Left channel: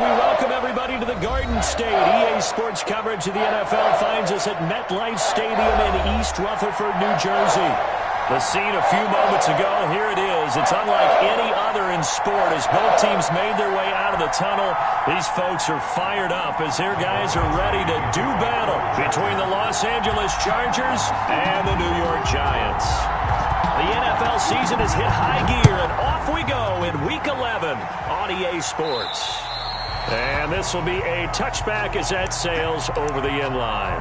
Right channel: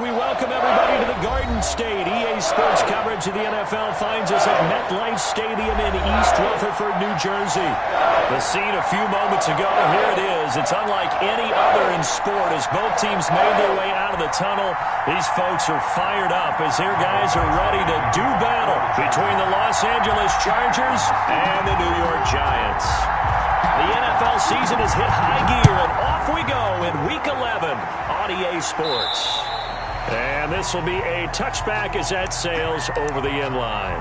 We welcome everybody to the Garden State. EA Sports coverage of the NFL finds us at MetLife Stadium in East Rutherford, New Jersey. The scene a few moments ago, here it is. It's unlike any other in sport as both teams made their way out of the tunnel. These folks are fired up as their guys are ready to do battle between the Los Angeles Chargers and the New York Giants. The NFL season has hit high gear, and off we go in Week 11 on EA Sports. And this will be a touchback as that sails over the end line.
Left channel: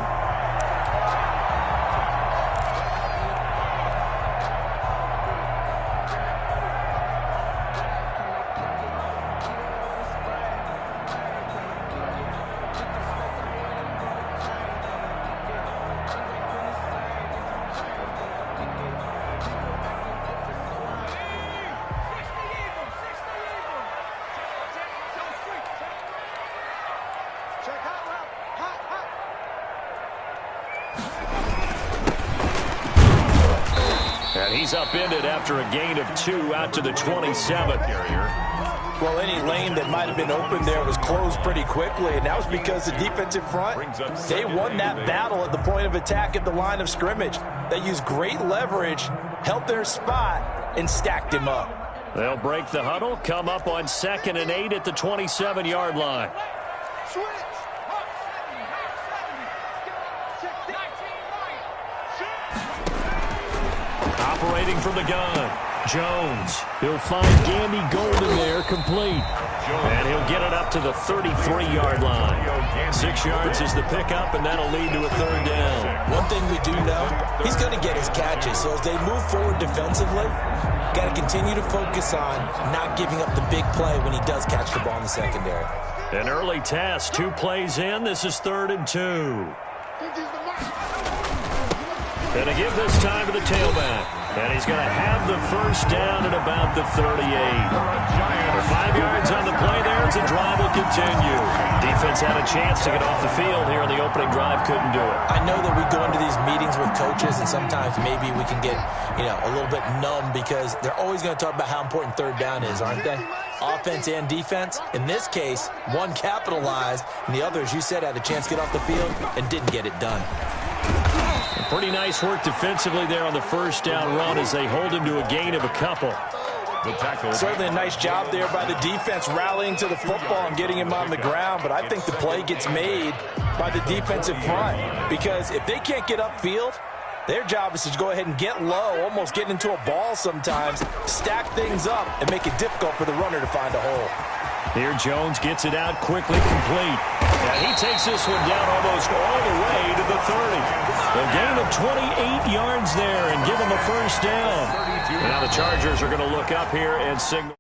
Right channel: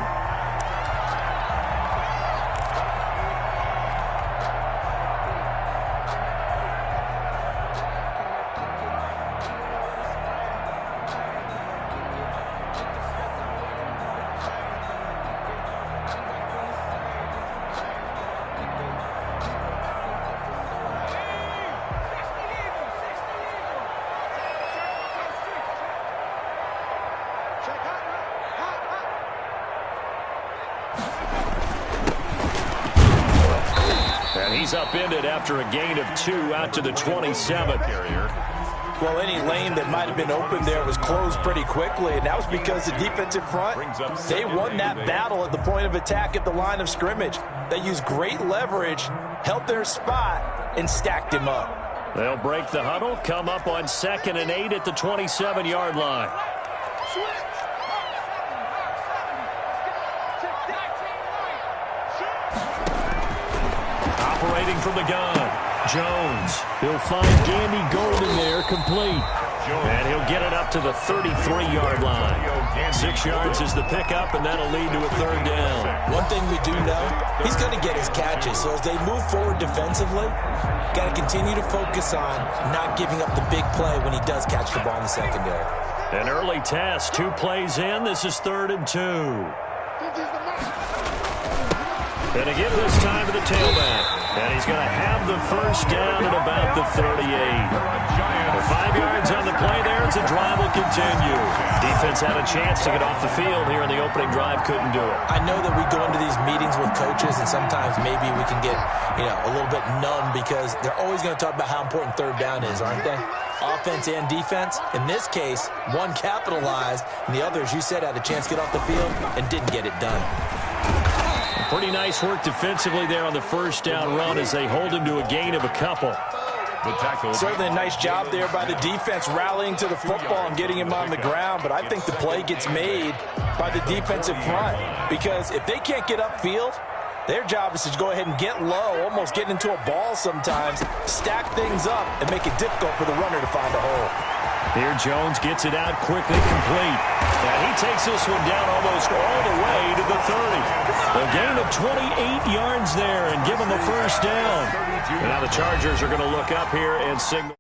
And he's upended after a gain of 2 out to the 27. Well, any lane that might have been open there was closed pretty quickly, and that was because the defensive front, they won that battle at the point of attack at the line of scrimmage. They used great leverage, held their spot, and stacked him up. They'll break the huddle, come up on 2nd and 8 at the 27-yard line. Operating from the gun, Jones. He'll find Gandy Golden there, complete. And he'll get it up to the 33-yard line. 6 yards is the pickup, and that'll lead to a 3rd down. One thing we do know, he's going to get his catches. So as they move forward defensively, got to continue to focus on not giving up the big play when he does catch the ball in the secondary. An early test, 2 plays in. This is 3rd and 2. Gonna give this time to the tailback. And he's going to have the 1st down at about the 38. For 5 yards on the play there, as the drive will continue. Defense had a chance to get off the field here in the opening drive, couldn't do it. I know that we go into these meetings with coaches, and sometimes maybe we can get, a little bit numb because they're always going to talk about how important 3rd down is, aren't they? Offense and defense. In this case, one capitalized, and the other, as you said, had a chance to get off the field and didn't get it done. Pretty nice work defensively there on the 1st down run as they hold him to a gain of a couple. The tackle. Certainly a nice job there by the defense rallying to the football and getting him on the ground, but I think the play gets made by the defensive front because if they can't get upfield, their job is to go ahead and get low, almost get into a ball sometimes, stack things up, and make it difficult for the runner to find a hole. Here Jones gets it out quickly, complete. And he takes this one down almost all the way to the 30. A gain of 28 yards there and give him a 1st down. And now the Chargers are going to look up here and signal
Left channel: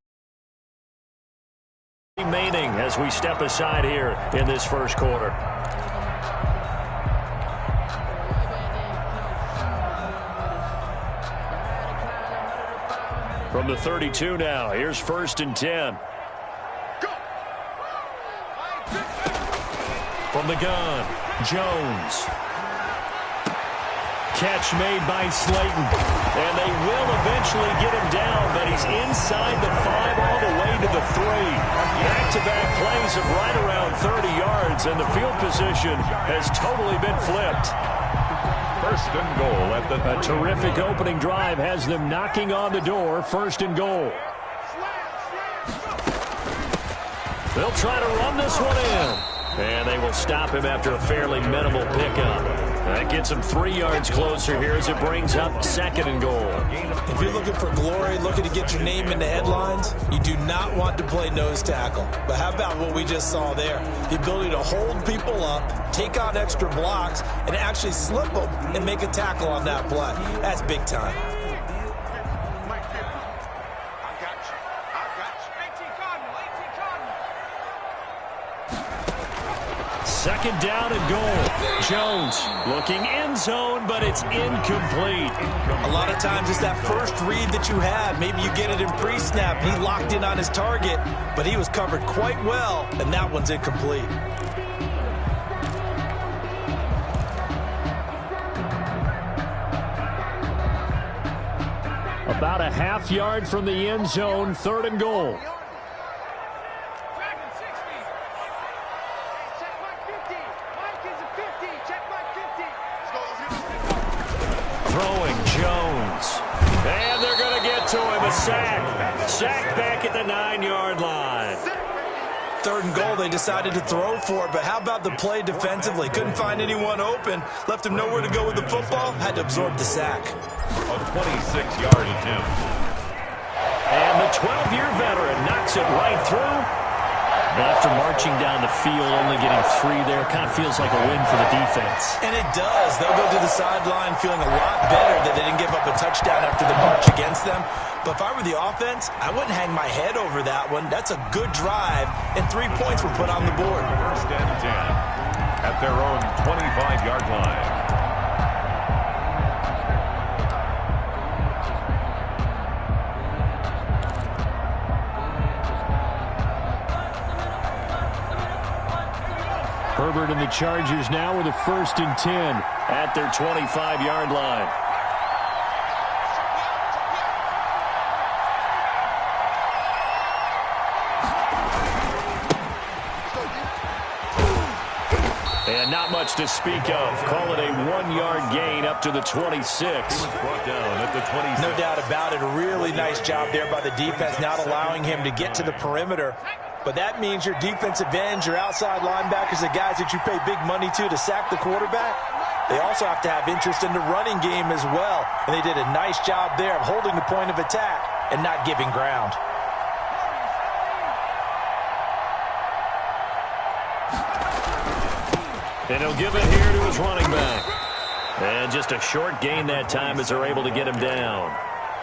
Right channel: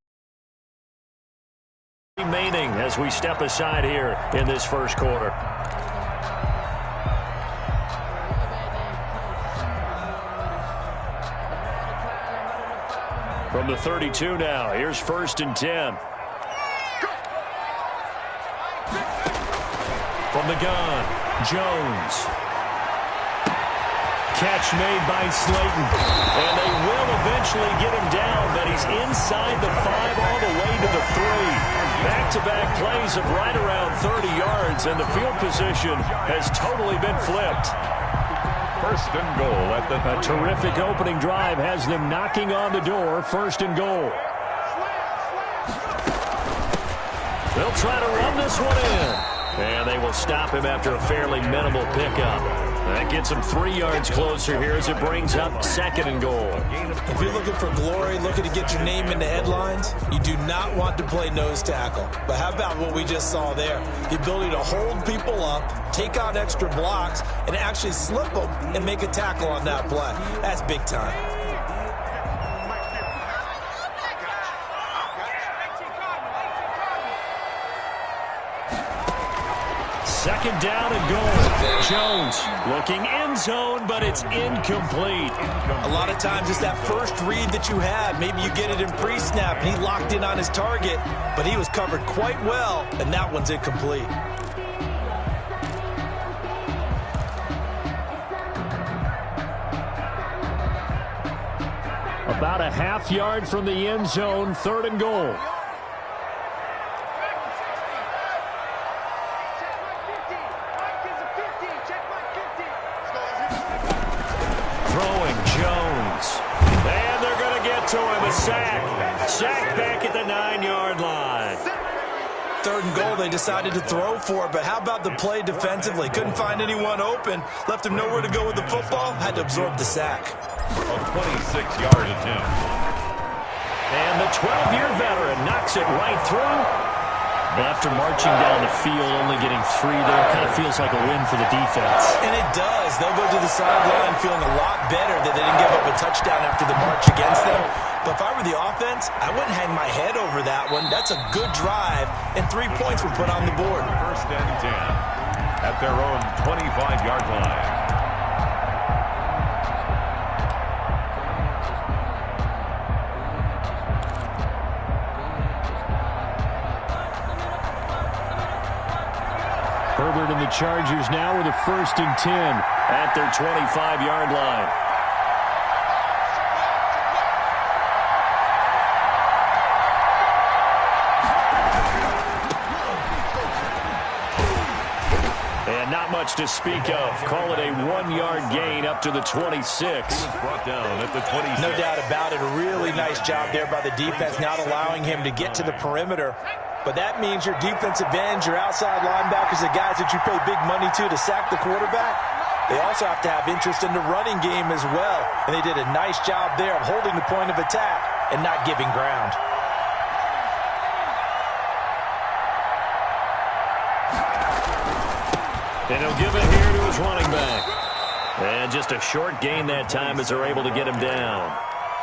remaining as we step aside here in this 1st quarter. From the 32 now, here's 1st and 10. From the gun, Jones. Catch made by Slayton. And they will eventually get him down, but he's inside the 5 all the way to the 3. Back-to-back plays of right around 30 yards, and the field position has totally been flipped. 1st and goal at the... A terrific opening drive has them knocking on the door. 1st and goal. They'll try to run this one in. And they will stop him after a fairly minimal pickup. That gets him 3 yards closer here as it brings up 2nd and goal. If you're looking for glory, looking to get your name in the headlines, you do not want to play nose tackle. But how about what we just saw there? The ability to hold people up, take on extra blocks, and actually slip them and make a tackle on that play. That's big time. 2nd down and goal. Jones looking end zone, but it's incomplete. A lot of times it's that first read that you have. Maybe you get it in pre-snap. He locked in on his target, but he was covered quite well, and that one's incomplete. About a half yard from the end zone, 3rd and goal. to him, a sack. Sacked back at the 9-yard line. 3rd and goal, they decided to throw for it, but how about the play defensively? Couldn't find anyone open, left him nowhere to go with the football, had to absorb the sack. A 26-yard attempt. And the 12-year veteran knocks it right through. Well, after marching down the field, only getting 3 there, kind of feels like a win for the defense. And it does. They'll go to the sideline feeling a lot better that they didn't give up a touchdown after the march against them. But if I were the offense, I wouldn't hang my head over that one. That's a good drive, and 3 points were put on the board. 1st and 10 at their own 25-yard line. Herbert and the Chargers now with a 1st and 10 at their 25-yard line. And not much to speak of. Call it a 1-yard gain up to the 26. He was brought down at the 26. No doubt about it. A really nice job there by the defense, not allowing him to get to the perimeter. But that means your defensive ends, your outside linebackers, the guys that you pay big money to sack the quarterback, they also have to have interest in the running game as well. And they did a nice job there of holding the point of attack and not giving ground. And he'll give it here to his running back. And just a short gain that time as they're able to get him down.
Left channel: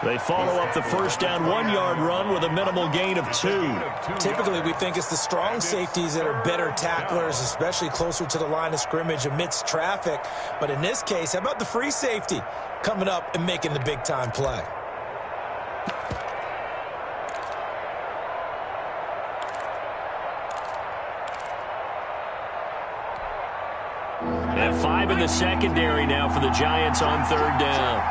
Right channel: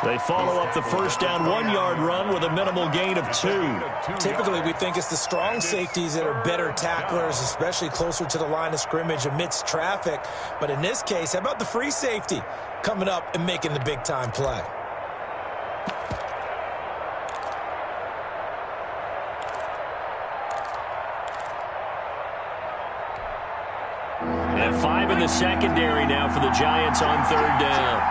They follow up the 1st down 1-yard run with a minimal gain of 2. Typically, we think it's the strong safeties that are better tacklers, especially closer to the line of scrimmage amidst traffic. But in this case, how about the free safety coming up and making the big-time play? And 5 in the secondary now for the Giants on 3rd down.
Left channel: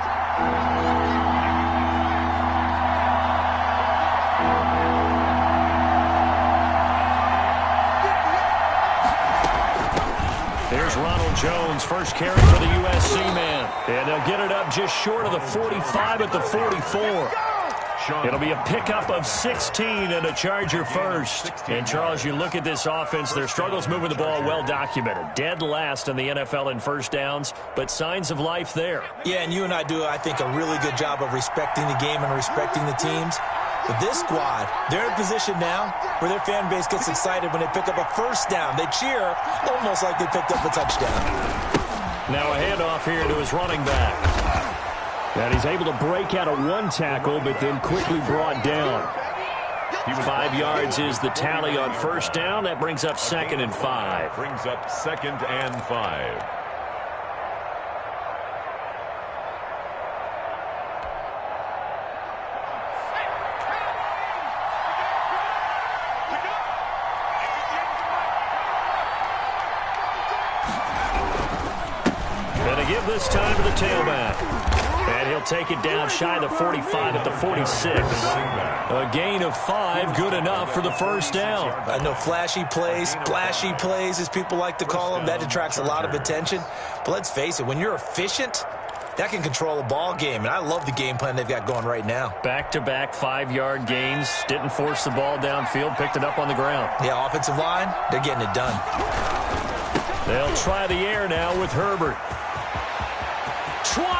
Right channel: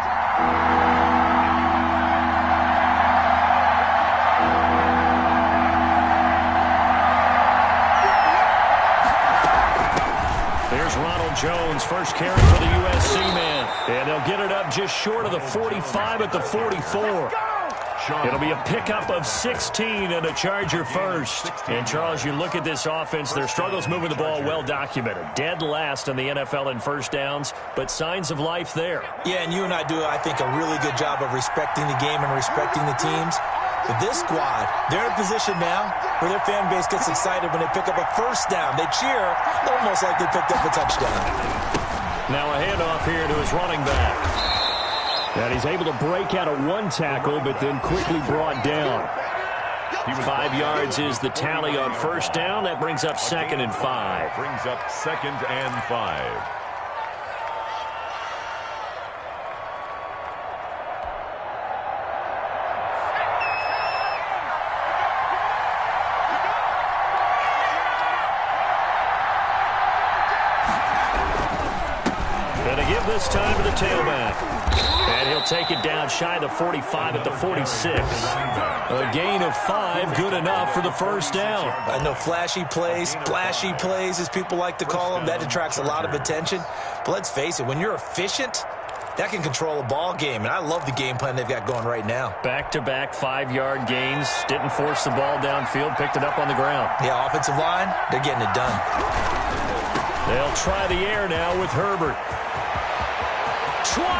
There's Ronald Jones, first carry for the USC man. And they'll get it up just short of the 45 at the 44. It'll be a pickup of 16 and a Charger first. And, Charles, you look at this offense, their struggles moving the ball well documented. Dead last in the NFL in 1st downs, but signs of life there. Yeah, and you and I do, I think, a really good job of respecting the game and respecting the teams. But this squad, they're in a position now where their fan base gets excited when they pick up a 1st down. They cheer almost like they picked up a touchdown. Now a handoff here to his running back. And he's able to break out of 1 tackle, but then quickly brought down. 5 yards is the tally on 1st down. That brings up 2nd and 5. Brings up 2nd and 5. And to give this time to the tailback. And he'll take it down shy of the 45 at the 46. A gain of 5, good enough for the 1st down. I know flashy plays, splashy plays, as people like to call them, that attracts a lot of attention. But let's face it, when you're efficient, that can control a ball game. And I love the game plan they've got going right now. Back-to-back 5-yard gains. Didn't force the ball downfield, picked it up on the ground. Yeah, offensive line, they're getting it done. They'll try the air now with Herbert. 20!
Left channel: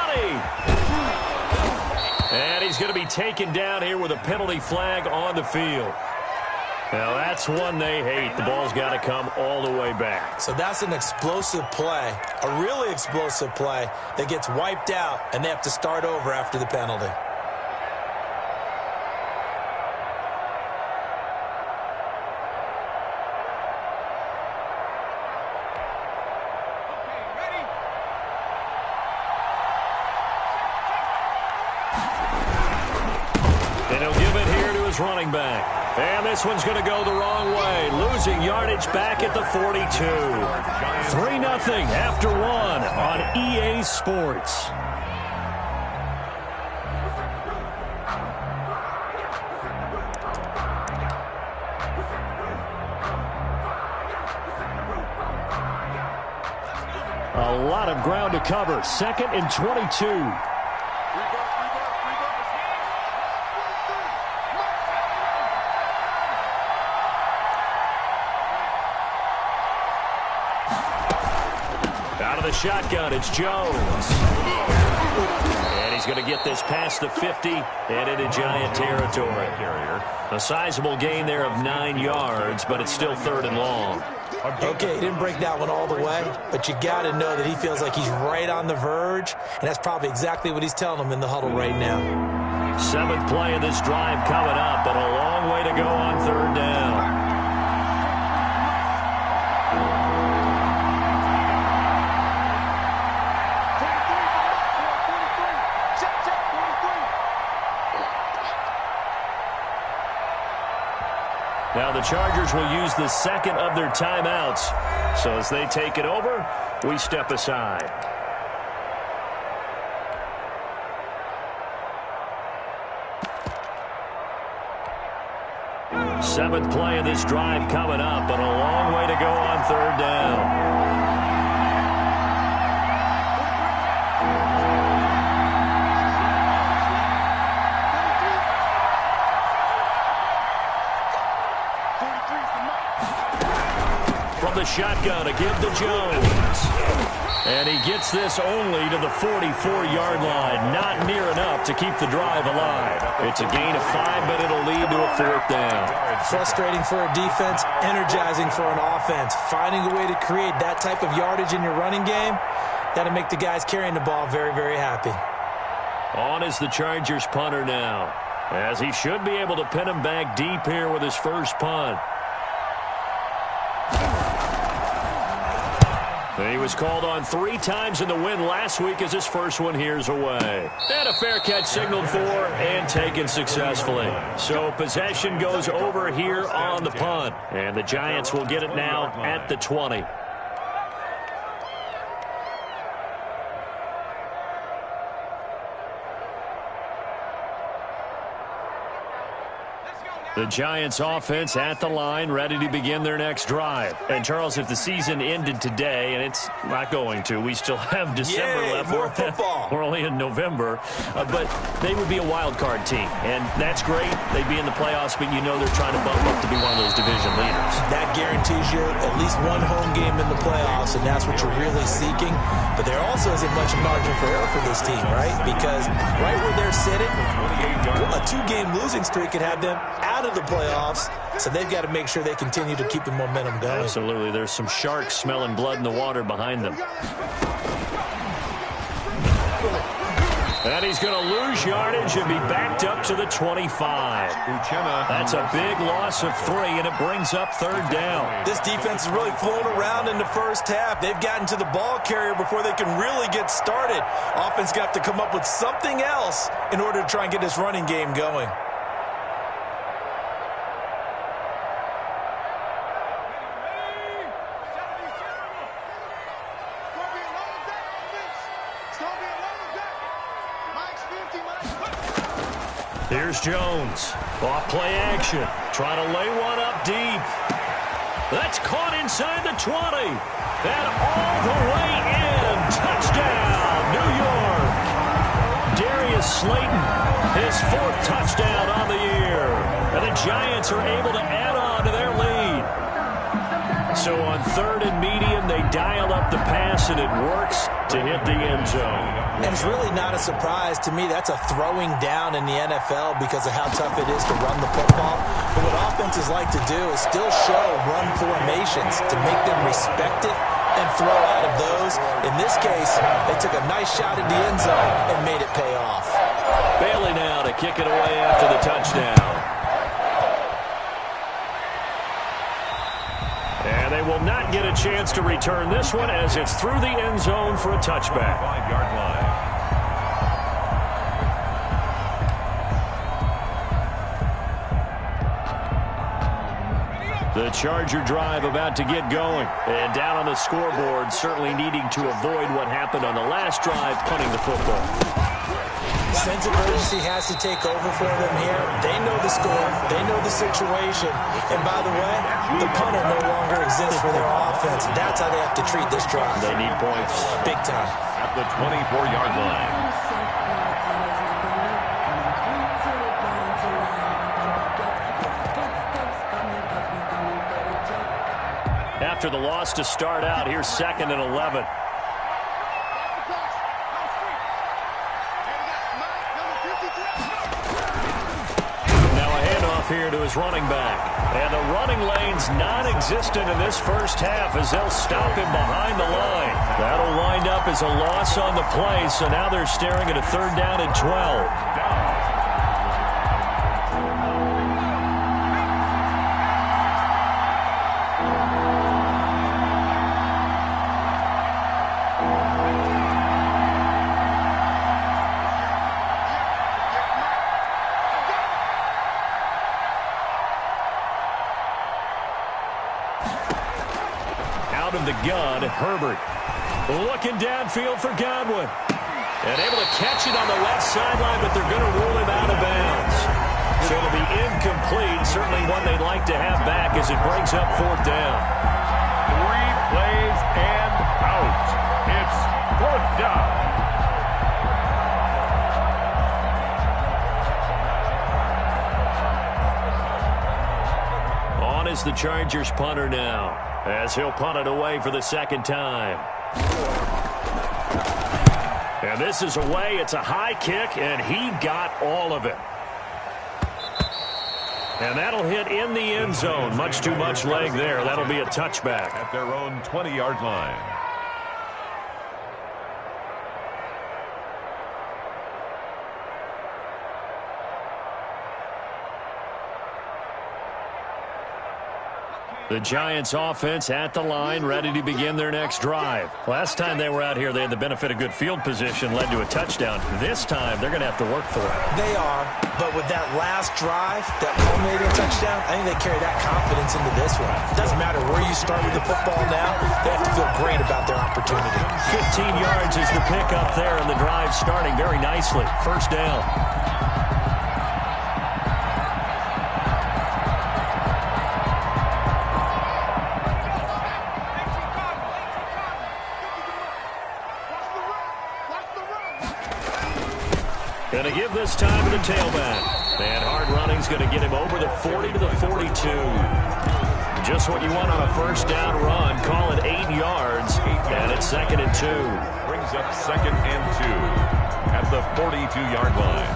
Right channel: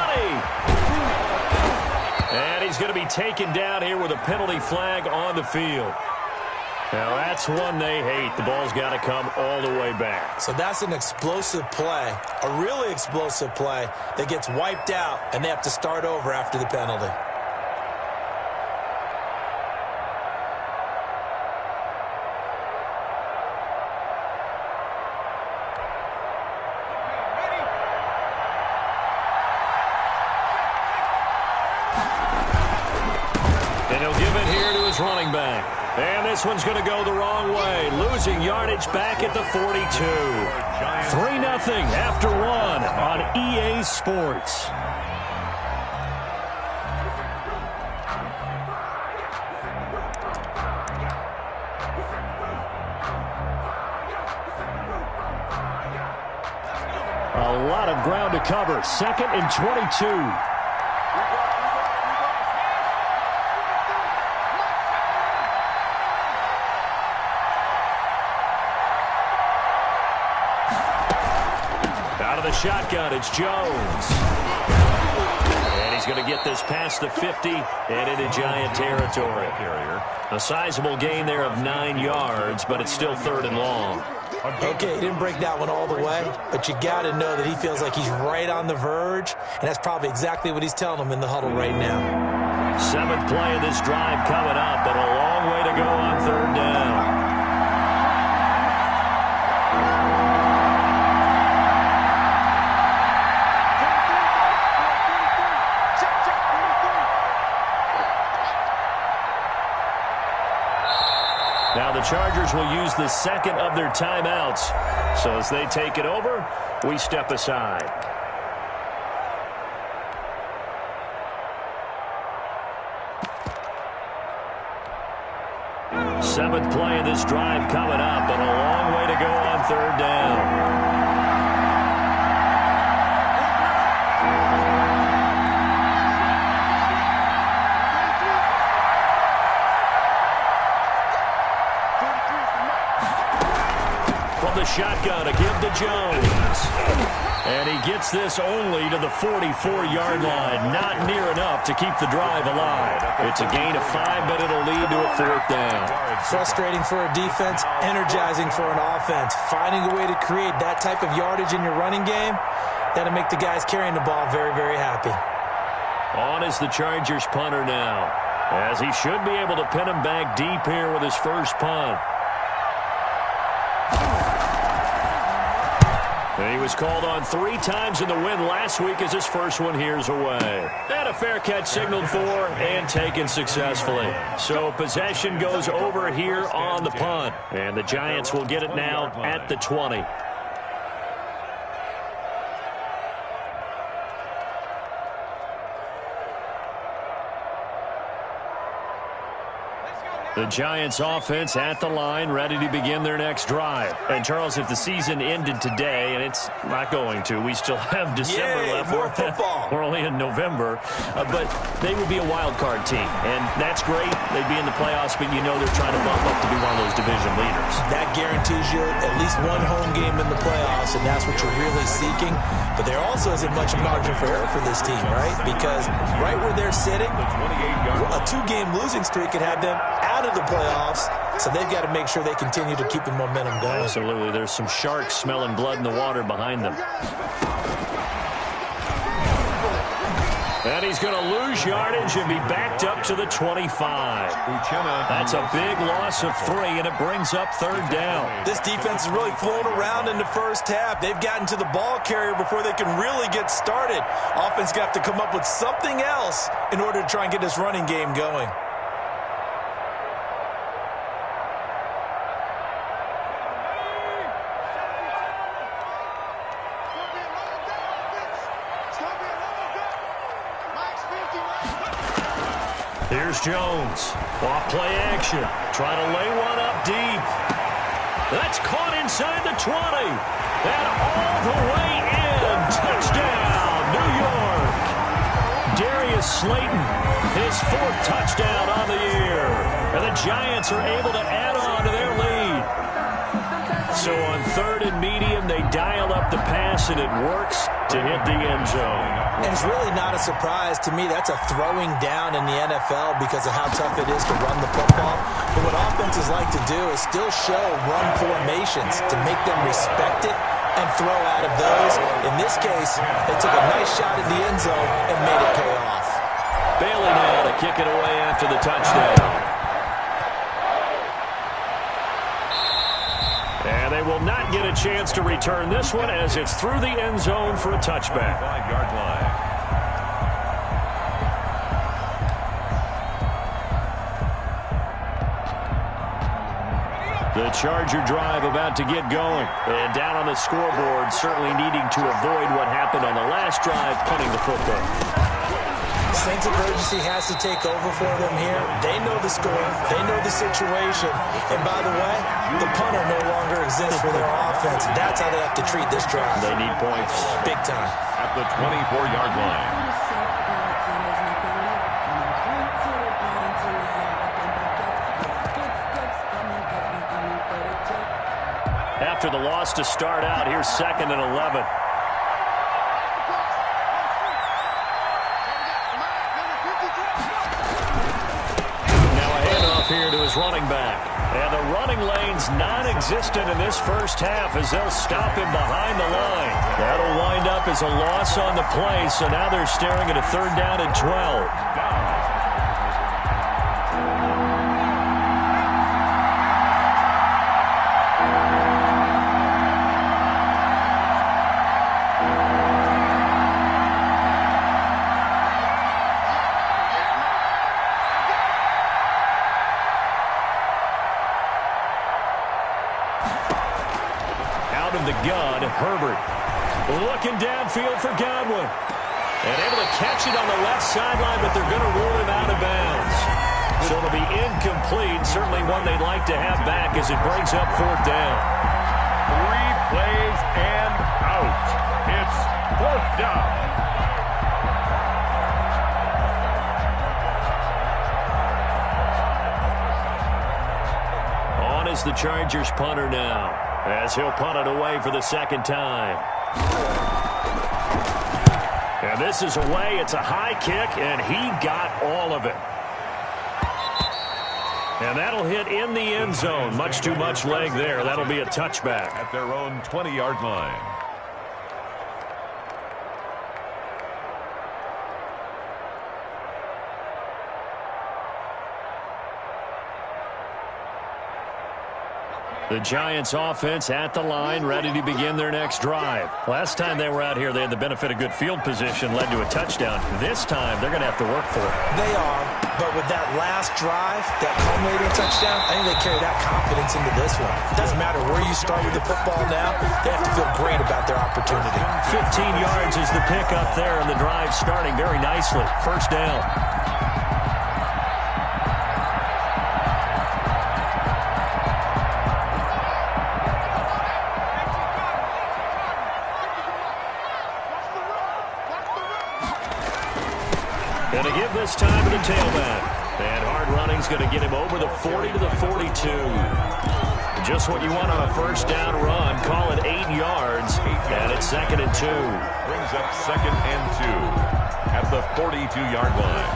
And he's going to be taken down here with a penalty flag on the field. Now, that's one they hate. The ball's got to come all the way back. So that's an explosive play, a really explosive play that gets wiped out, and they have to start over after the penalty. And he'll give it here to his running back. And this one's going to go the wrong way. Losing yardage back at the 42. 3-0 after 1 on EA Sports. A lot of ground to cover. 2nd and 22. Out of the shotgun, it's Jones. And he's going to get this past the 50 and into Giant territory. A sizable gain there of 9 yards, but it's still 3rd and long. Okay, he didn't break that one all the way, but you got to know that he feels like he's right on the verge, and that's probably exactly what he's telling them in the huddle right now. 7th play of this drive coming up, but a long way to go on 3rd down. Now the Chargers will use the 2nd of their timeouts. So as they take it over, we step aside. Seventh play of this drive coming up, but a long way to go on 3rd down. The shotgun to give to Jones. And he gets this only to the 44-yard line. Not near enough to keep the drive alive. It's a gain of 5, but it'll lead to a 4th down. Frustrating for a defense, energizing for an offense. Finding a way to create that type of yardage in your running game, that'll make the guys carrying the ball very, very happy. On is the Chargers punter now, as he should be able to pin him back deep here with his first punt. He was called on 3 times in the win last week as his first one here's away. And a fair catch signaled for and taken successfully. So possession goes over here on the punt. And the Giants will get it now at the 20. The Giants offense at the line, ready to begin their next drive. And, Charles, if the season ended today, and it's not going to, we still have December left. More football. We're only in November. But they would be a wild card team. And that's great. They'd be in the playoffs, but you know they're trying to bump up to be one of those division leaders. That guarantees you at least one home game in the playoffs, and that's what you're really seeking. But there also isn't much margin for error for this team, right? Because right where they're sitting, a 2-game losing streak could have them out of the playoffs, so they've got to make sure they continue to keep the momentum going. Absolutely. There's some sharks smelling blood in the water behind them. And he's going to lose yardage and be backed up to the 25. That's a big loss of 3, and it brings up 3rd down. This defense is really flown around in the first half. They've gotten to the ball carrier before they can really get started. Offense got to come up with something else in order to try and get this running game going. Here's Jones. Off play action. Trying to lay one up deep. That's caught inside the 20. And all the way in. Touchdown, New York. Darius Slayton, his 4th touchdown on the year. And the Giants are able to add on to their lead. So on 3rd and medium, they dial up the pass, and it works to hit the end zone. And it's really not a surprise to me. That's a throwing down in the NFL because of how tough it is to run the football. But what offenses like to do is still show run formations to make them respect it and throw out of those. In this case, they took a nice shot at the end zone and made it pay off. Bailey now to kick it away after the touchdown. And they will not get a chance to return this one as it's through the end zone for a touchback. 5-yard line. The Charger drive about to get going. And down on the scoreboard, certainly needing to avoid what happened on the last drive, punting the football. Sense of urgency has to take over for them here. They know the score. They know the situation. And by the way, the punter no longer exists for their offense. That's how they have to treat this drive. They need points. Big time. At the 24-yard line. After the loss to start out, here's 2nd and 11. Bengals running back. And the running lane's non-existent in this first half as they'll stop him behind the line. That'll wind up as a loss on the play, so now they're staring at a 3rd down and 12. Out of the gun, Herbert. Looking downfield for Godwin. And able to catch it on the left sideline, but they're going to rule him out of bounds. So it'll be incomplete. Certainly one they'd like to have back as it brings up 4th down. 3 plays and out. It's 4th down. On is the Chargers punter now, as he'll punt it away for the 2nd time. And this is away. It's a high kick, and he got all of it. And that'll hit in the end zone. Much too much leg there. That'll be a touchback. At their own 20-yard line. The Giants offense at the line, ready to begin their next drive. Last time they were out here, they had the benefit of good field position, led to a touchdown. This time, they're going to have to work for it. They are, but with that last drive, that culminating touchdown, I think they carry that confidence into this one. It doesn't matter where you start with the football now, they have to feel great about their opportunity. 15 yards is the pickup there, and the drive starting very nicely. 1st down. Going to give this time to the tailback. And hard running's going to get him over the 40 to the 42. Just what you want on a 1st down run. Call it 8 yards. And it's 2nd and 2. Brings up 2nd and 2 at the 42-yard line.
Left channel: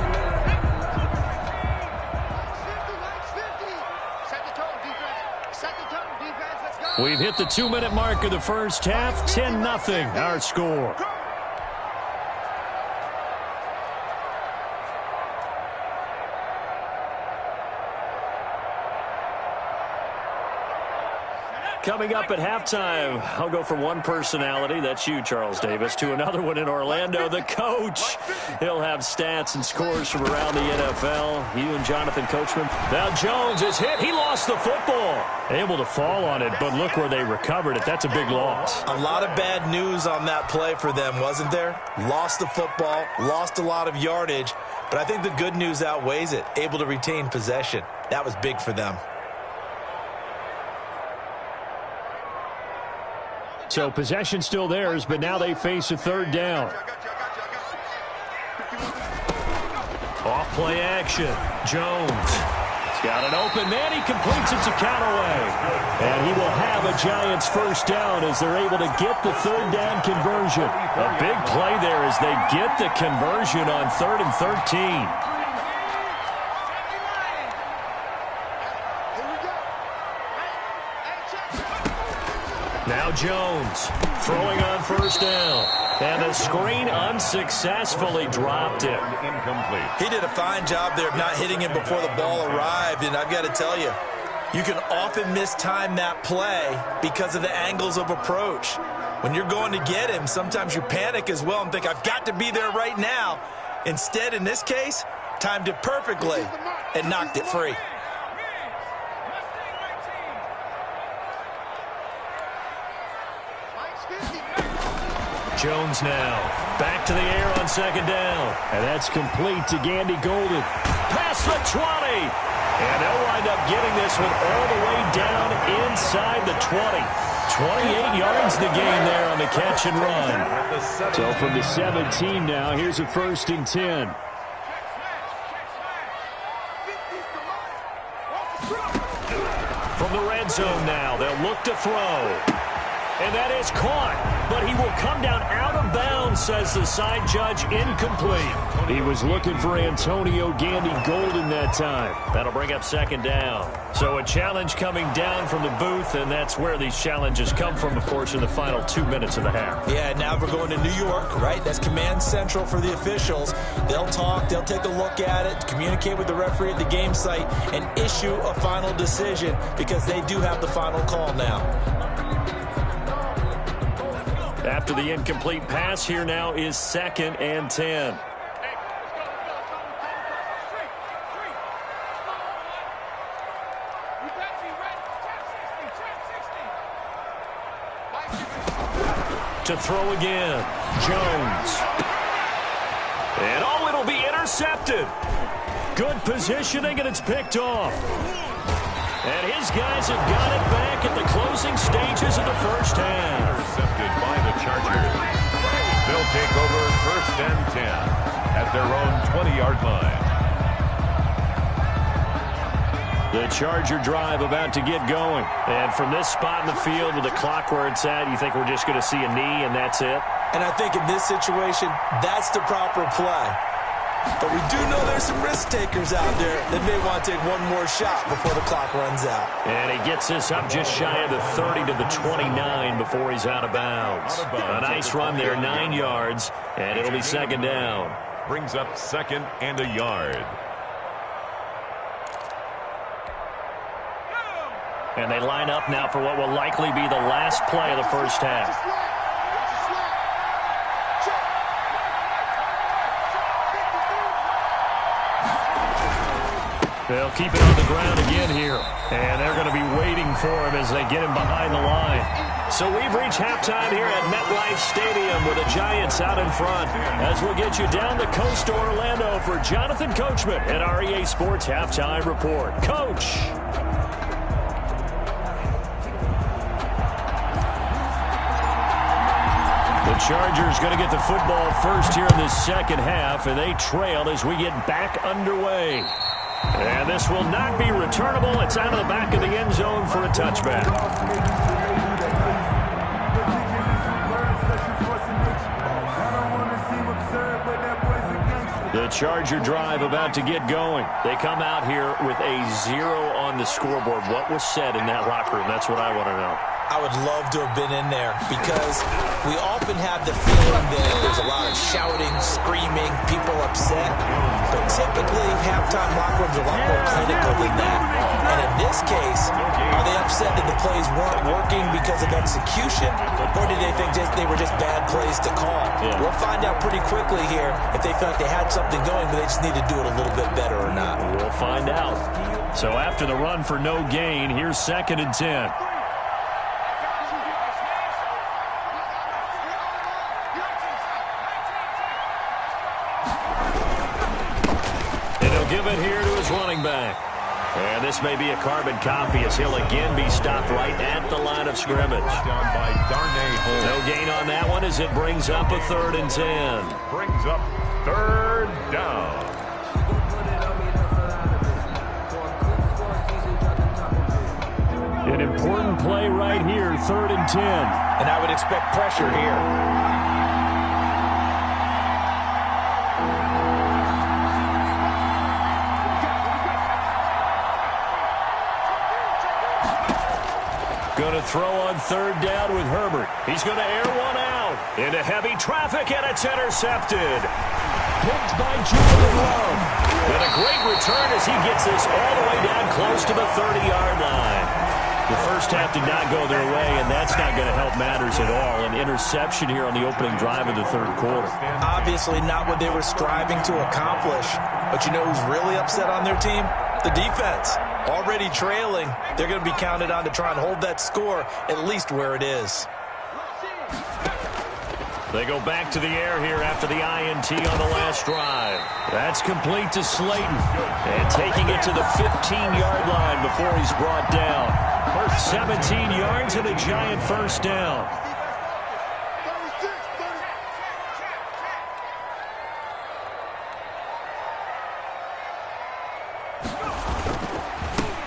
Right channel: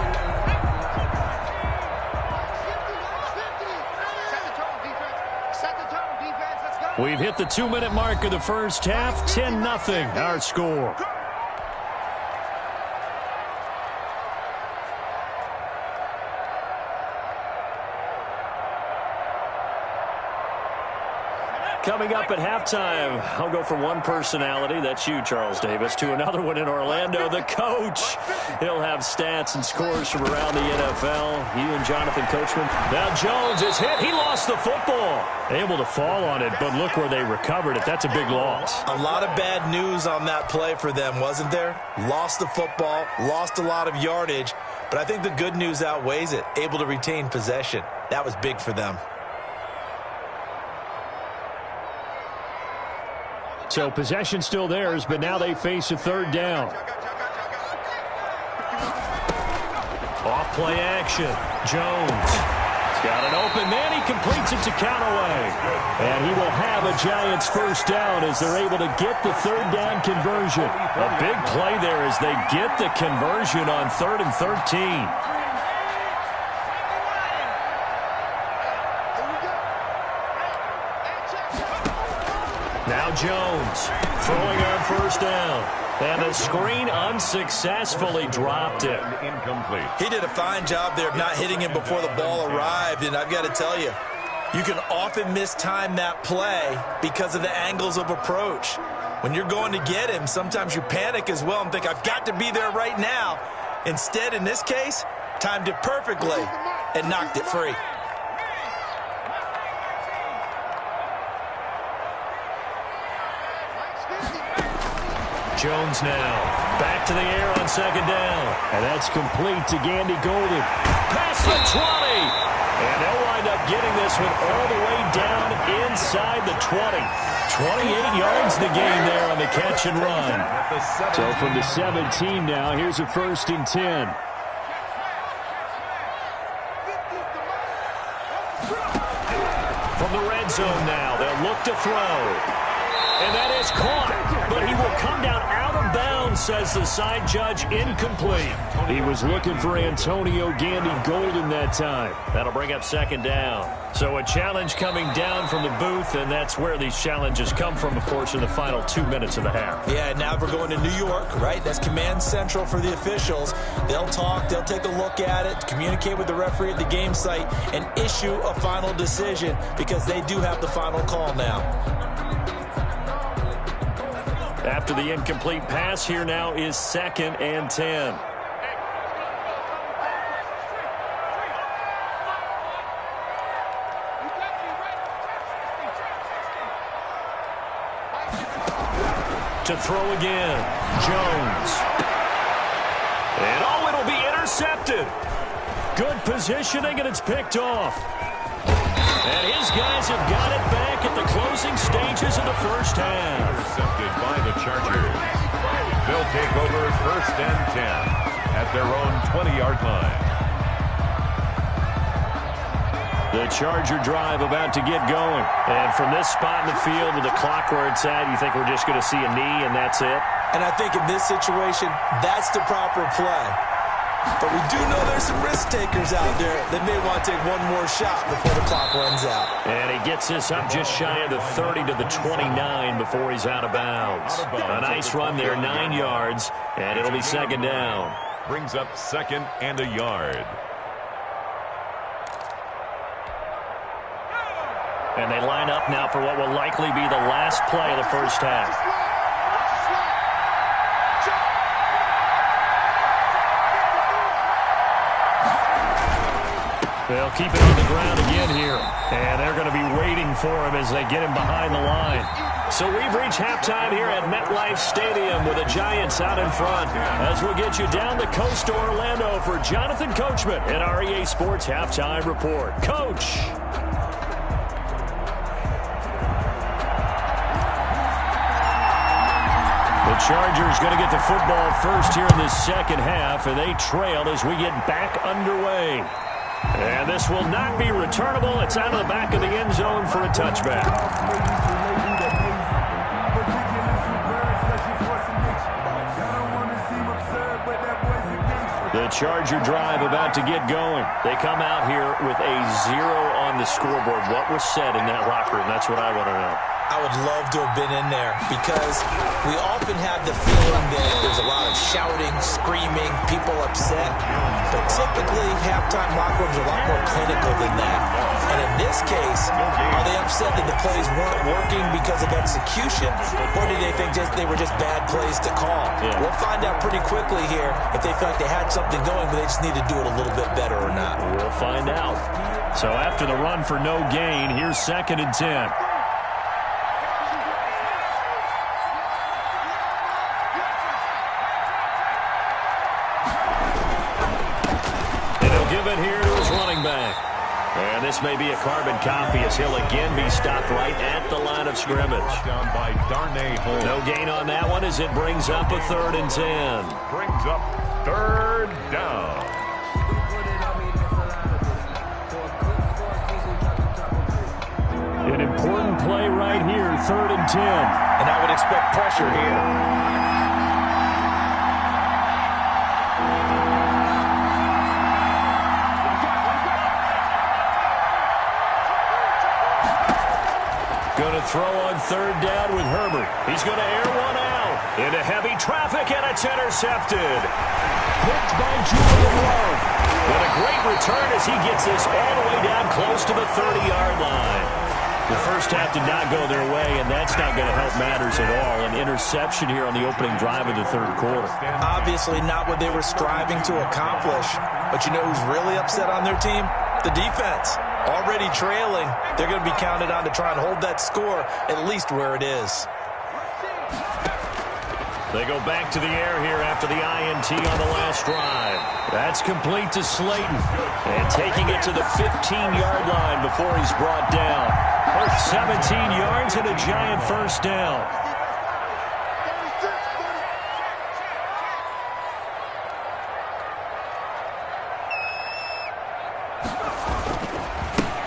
We've hit the 2-minute mark of the first half. 10-0 our score. Coming up at halftime, I'll go from one personality, that's you, Charles Davis, to another one in Orlando, the coach. He'll have stats and scores from around the NFL. You and Jonathan Coachman. Now Jones is hit. He lost the football. Able to fall on it, but look where they recovered it. That's a big loss. A lot of bad news on that play for them, wasn't there? Lost the football, lost a lot of yardage, but I think the good news outweighs it. Able to retain possession. That was big for them. So possession still theirs, but now they face a 3rd down. Off play action. Jones. He's got an open man. He completes it to Callaway. And he will have a Giants 1st down as they're able to get the 3rd down conversion. A big play there as they get the conversion on 3rd and 13. Now Jones throwing on 1st down. And the screen unsuccessfully dropped it. Incomplete. He did a fine job there of not hitting him before the ball arrived. And I've got to tell you, you can often mistime that play because of the angles of approach. When you're going to get him, sometimes you panic as well and think, I've got to be there right now. Instead, in this case, timed it perfectly and knocked it free. Jones now back to the air on 2nd down. And that's complete to Gandy Golden. Past the 20. And they'll wind up getting this one all the way down inside the 20. 28 yards the gain there on the catch and run. So from the 17 now, here's a 1st and 10. From the red zone now, they'll look to throw. And that is caught. but he will come down out of bounds, says the side judge. Incomplete. He was looking for Antonio Gandy Golden that time. That'll bring up second down. So a challenge coming down from the booth, and that's where these challenges come from, of course, in the final 2 minutes of the half. Yeah, now we're going to New York, right? That's command central for the officials. They'll talk, they'll take a look at it, communicate with the referee at the game site, and issue a final decision because they do have the final call now. After the incomplete pass, here now is 2nd and 10. To throw again, Jones. And it'll be intercepted. Good positioning, and it's picked off. And his guys have got it back at the closing stages of the first half. Intercepted by the Chargers. They'll take over 1st and 10 at their own 20-yard line. The Charger drive about to get going. And from this spot in the field with the clock where it's at, you think we're just going to see a knee and that's it? And I think in this situation, that's the proper play. But we do know there's some risk takers out there that may want to take one more shot before the clock runs out. And he gets this up just shy of the 30 to the 29 before he's out of bounds. A nice run there, 9 yards, and it'll be second down. Brings up 2nd and a yard. And they line up now for what will likely be the last play of the first half. They'll keep it on the ground again here. And they're going to be waiting for him as they get him behind the line. So we've reached halftime here at MetLife Stadium with the Giants out in front. As we'll get you down the coast to Orlando for Jonathan Coachman and our EA Sports Halftime Report. Coach. The Chargers going to get the football first here in this second half, and they trail as we get back underway. And this will not be returnable. It's out of the back of the end zone for a touchback. The Charger drive about to get going. They come out here with a 0 on the scoreboard. What was said in that locker room? That's what I want to know. I would love to have been in there because we often have the feeling that there's a lot of shouting, screaming, people upset. But typically, halftime locker rooms are a lot more clinical than that. And in this case, are they upset that the plays weren't working because of execution? Or did they think they were just bad plays to call? Yeah. We'll find out pretty quickly here if they feel like they had something going, but they just need to do it a little bit better or not. We'll find out. So after the run for no gain, here's 2nd and 10. Give it here to his running back. And this may be a carbon copy as he'll again be stopped right at the line of scrimmage. Down by Darnay Holmes. No gain on that one as it brings up a 3rd and 10. Brings up 3rd down. An important play right here, 3rd and 10. And I would expect pressure here. Going to throw on 3rd down with Herbert. He's going to air one out into heavy traffic, and it's intercepted. Picked by Julian Love. And a great return as he gets this all the way down close to the 30-yard line. The first half did not go their way, and that's not going to help matters at all. An interception here on the opening drive of the 3rd quarter. Obviously not what they were striving to accomplish. But you know who's really upset on their team? The defense. Already trailing, they're going to be counted on to try and hold that score at least where it is. They go back to the air here after the INT on the last drive. That's complete to Slayton. And taking it to the 15-yard line before he's brought down. 17 yards and a giant first down.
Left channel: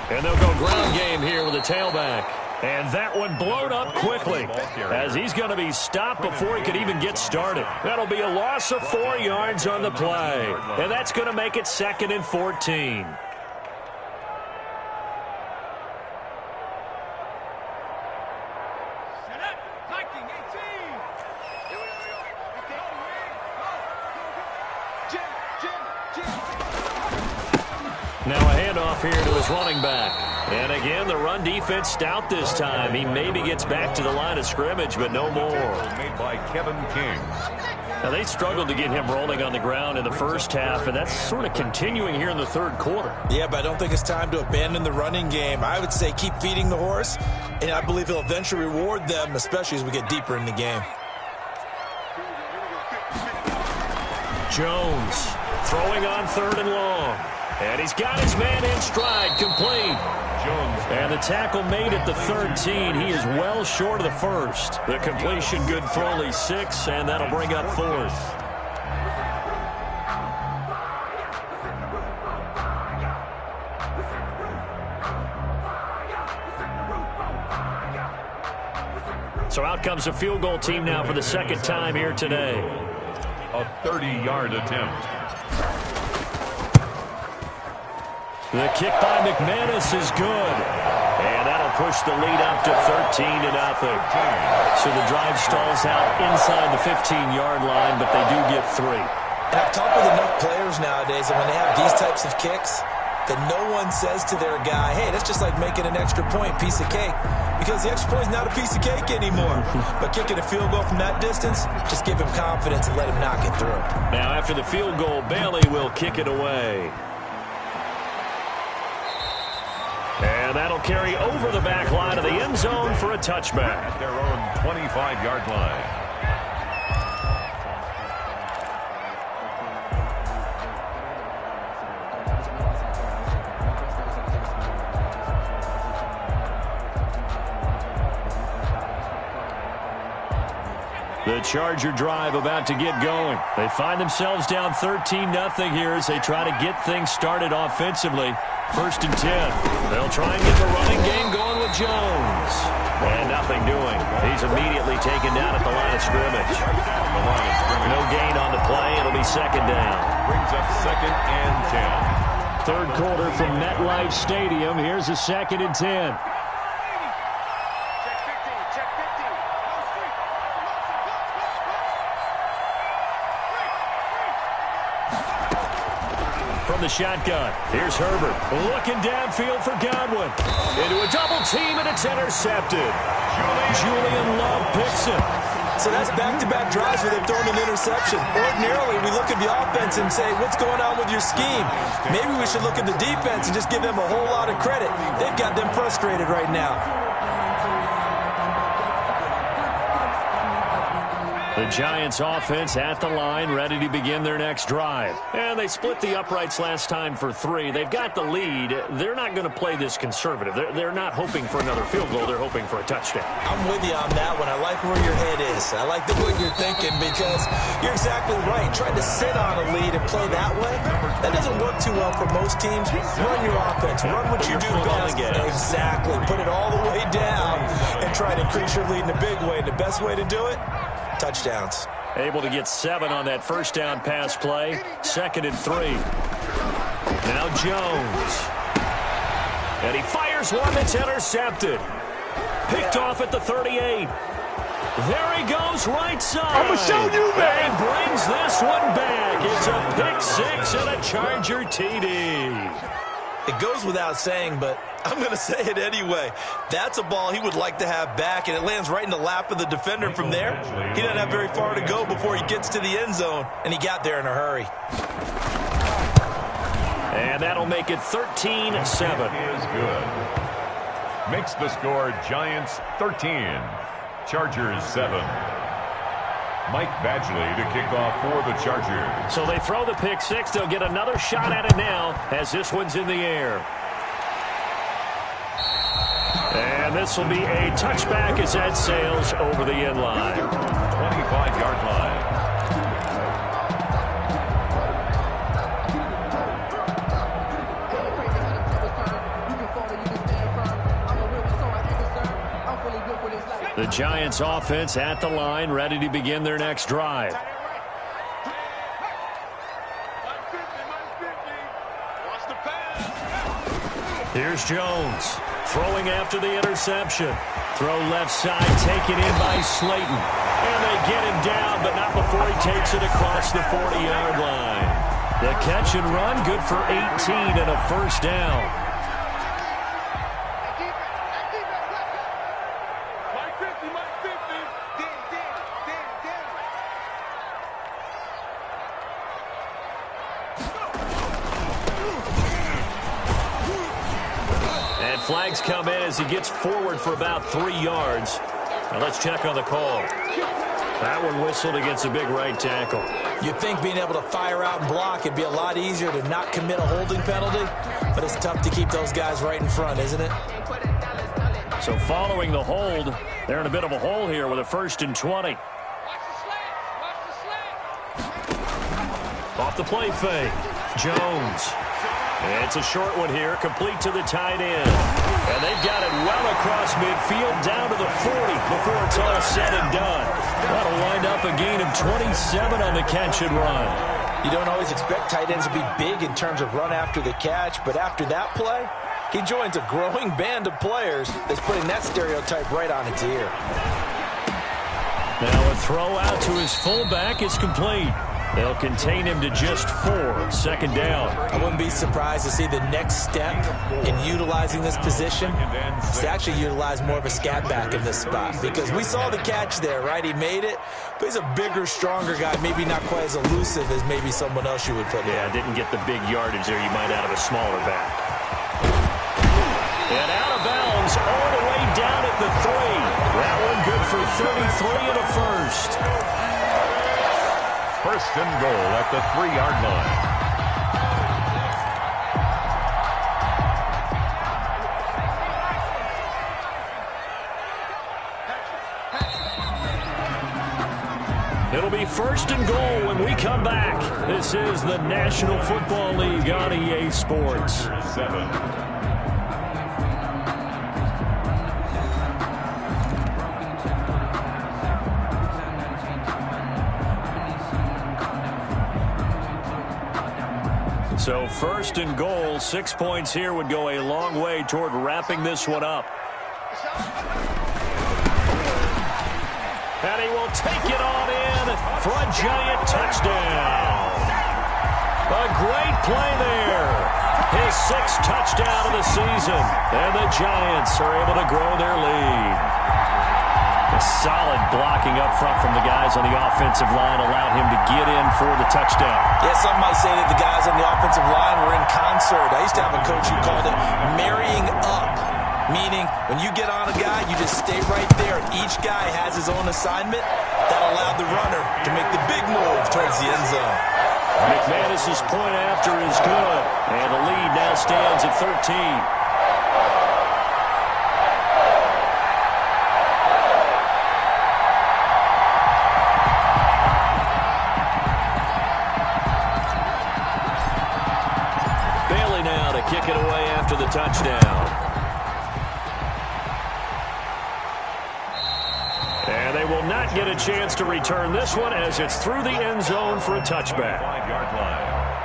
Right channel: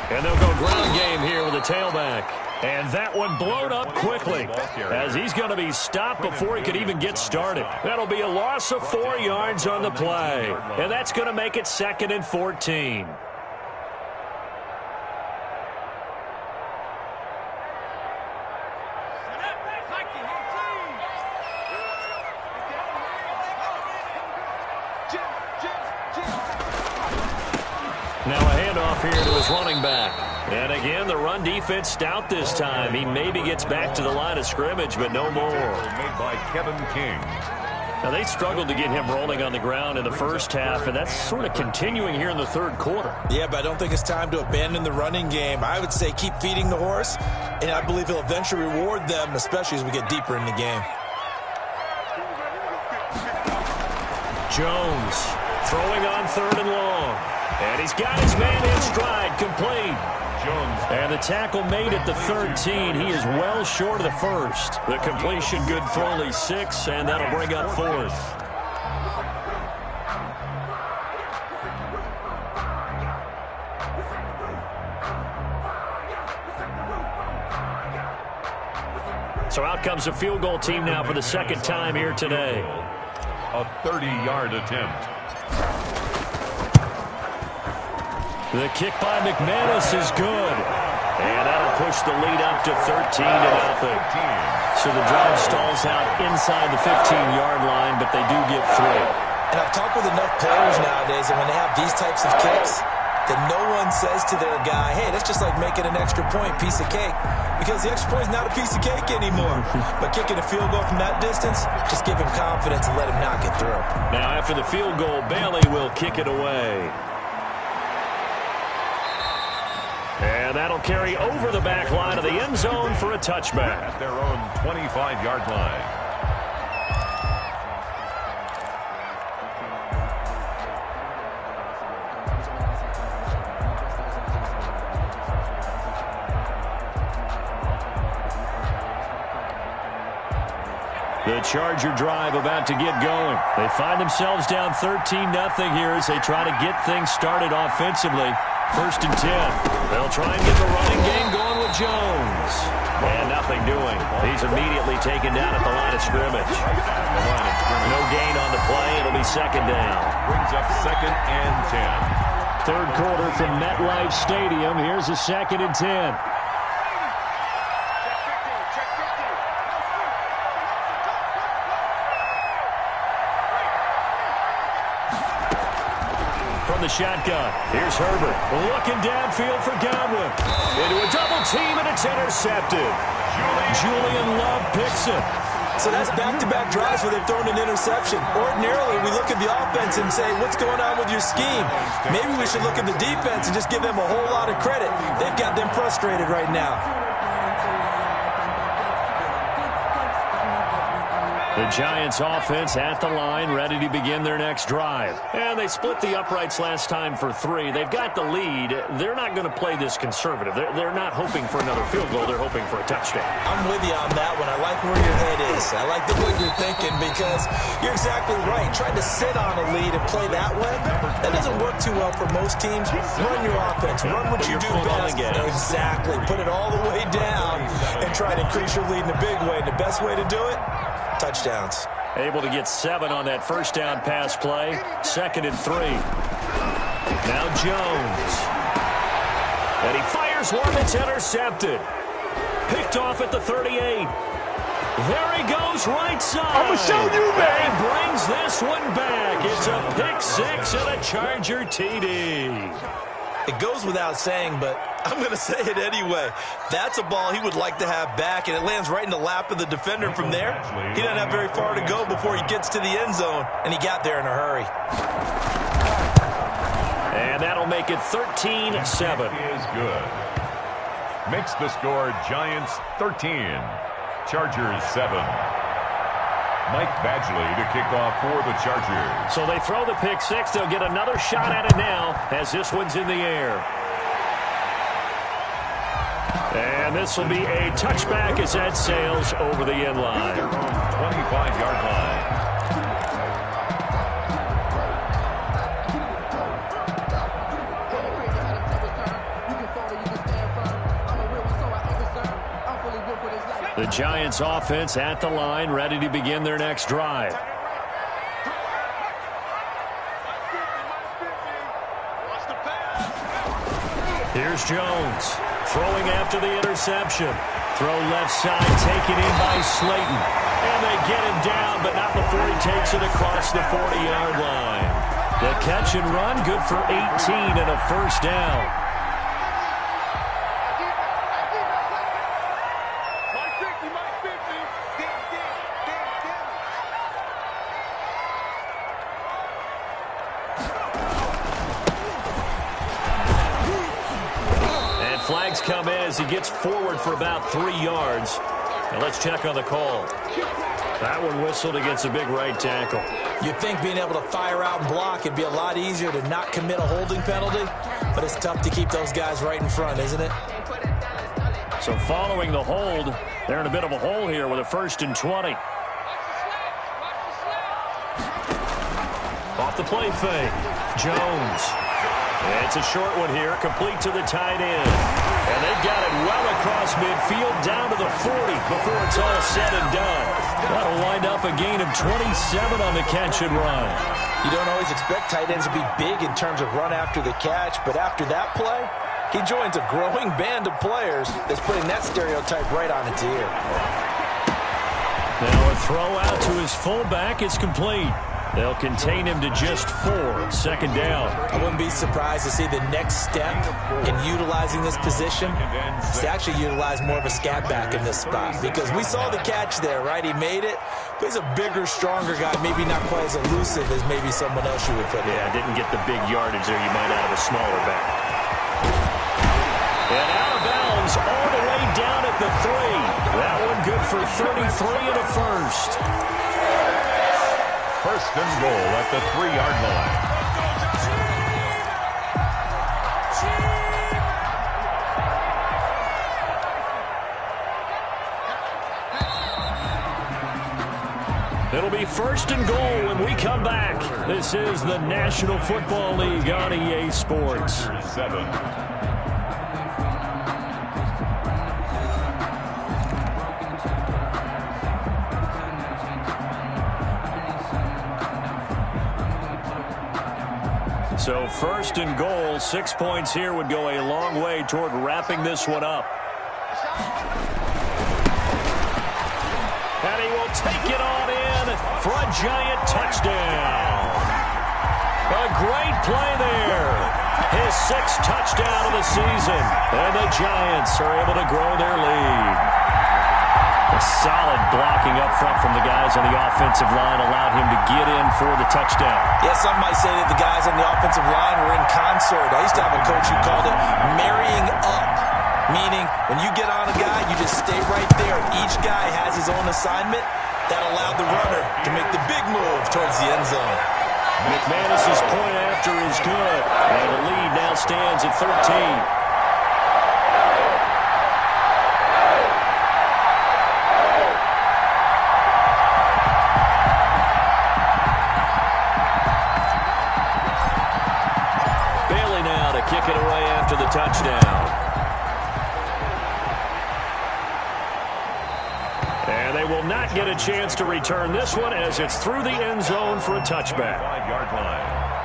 And they'll go ground game here with a tailback. And that one blown up quickly as he's going to be stopped before he could even get started. That'll be a loss of 4 yards on the play. And that's going to make it 2nd and 14. Now a handoff here to his running back. And again, the run defense stout this time. He maybe gets back to the line of scrimmage, but no more. Made by Kevin King. Now they struggled to get him rolling on the ground in the first half, and that's sort of continuing here in the third quarter. Yeah, but I don't think it's time to abandon the running game. I would say keep feeding the horse, and I believe he'll eventually reward them, especially as we get deeper in the game. Jones throwing on 3rd and long. And he's got his man in stride, complete. Jones. And the tackle made at the 13. He is well short of the first. The completion good for only 6, and that'll bring up 4th. So out comes a field goal team now for the 2nd time here today. A 30-yard attempt. The kick by McManus is good. And that'll push the lead up to 13-0. So the drive stalls out inside the 15-yard line, but they do get 3. And I've talked with enough players nowadays that when they have these types of kicks, that no one says to their guy, hey, that's just like making an extra point, piece of cake. Because the extra point is not a piece of cake anymore. But kicking a field goal from that distance, just give him confidence and let him knock it through. Now after the field goal, Bailey will kick it away. And that'll carry over the back line of the end zone for a touchback. At their own 25-yard line. The Charger drive about to get going. They find themselves down 13-0 here as they try to get things started offensively. 1st and 10. They'll try and get the running game going with Jones. And nothing doing. He's immediately taken down at the line of scrimmage. No gain on the play. It'll be 2nd down. Brings up 2nd and 10. 3rd quarter from MetLife Stadium. Here's a 2nd and 10. From the shotgun, here's Herbert looking downfield for Godwin. Into a double team, and it's intercepted. Julian Love picks it. So that's back-to-back drives where they've thrown an interception. Ordinarily, we look at the offense and say, what's going on with your scheme? Maybe we should look at the defense and just give them a whole lot of credit. They've got them frustrated right now. The Giants offense at the line, ready to begin their next drive. And they split the uprights last time for 3. They've got the lead. They're not going to play this conservative. They're not hoping for another field goal. They're hoping for a touchdown. I'm with you on that one. I like where your head is. I like the way you're thinking because you're exactly right. Trying to sit on a lead and play that way, that doesn't work too well for most teams. Run your offense. Run what you do best. Exactly. Put it all the way down and try to increase your lead in a big way. And the best way to do it, touchdowns. Able to get 7 on that first down pass play. 2nd and 3. Now Jones. And he fires one that's intercepted. Picked off at the 38. There he goes right side. I'm going to show you, man. And he brings this one back. It's a pick 6 and a Charger TD. It goes without saying, but I'm going to say it anyway. That's a ball he would like to have back, and it lands right in the lap of the defender from there. He doesn't have very far to go before he gets to the end zone, and he got there in a hurry. And that'll make it 13-7. Is good. Makes the score Giants 13, Chargers 7. Mike Badgley to kick off for the Chargers. So they throw the pick 6. They'll get another shot at it now as this one's in the air. And this will be a touchback as that sails over the end line. 25-yard line. The Giants offense at the line, ready to begin their next drive. Here's Jones, throwing after the interception. Throw left side, taken in by Slayton. And they get him down, but not before he takes it across the 40-yard line. The catch and run, good for 18 and a first down. Flags come in as he gets forward for about 3 yards. Now let's check on the call. That one whistled against a big right tackle. You'd think being able to fire out and block, it'd be a lot easier to not commit a holding penalty, but it's tough to keep those guys right in front, isn't it? So following the hold, they're in a bit of a hole here with a 1st and 20. Off the play fake. Jones. It's a short one here, complete to the tight end. And they've got it well across midfield, down to the 40 before it's all said and done. That'll wind up a gain of 27 on the catch and run. You don't always expect tight ends to be big in terms of run after the catch, but after that play, he joins a growing band of players that's putting that stereotype right on its ear. Now a throw out to his fullback is complete. They'll contain him to just 4, 2nd down. I wouldn't be surprised to see the next step in utilizing this position is to actually utilize more of a scat back in this spot, because we saw the catch there, right? He made it, but he's a bigger, stronger guy, maybe not quite as elusive as maybe someone else you would put there. Yeah, didn't get the big yardage there you might out of a smaller back. And out of bounds all the way down at the 3. That one good for 33 and a first. 1st and goal at the 3-yard line. It'll be 1st and goal when we come back. This is the National Football League on EA Sports. 7. So 1st and goal, 6 points here would go a long way toward wrapping this one up. And he will take it on in for a giant touchdown. A great play there. His 6th touchdown of the season. And the Giants are able to grow their lead. A solid blocking up front from the guys on the offensive line allowed him to get in for the touchdown. Yeah, some might say that the guys on the offensive line were in concert. I used to have a coach who called it marrying up, meaning when you get on a guy, you just stay right there. Each guy has his own assignment. That allowed the runner to make the big move towards the end zone. McManus's point after is good, and the lead now stands at 13. Now to kick it away after the touchdown. And they will not get a chance to return this one as it's through the end zone for a touchback. 5-yard line.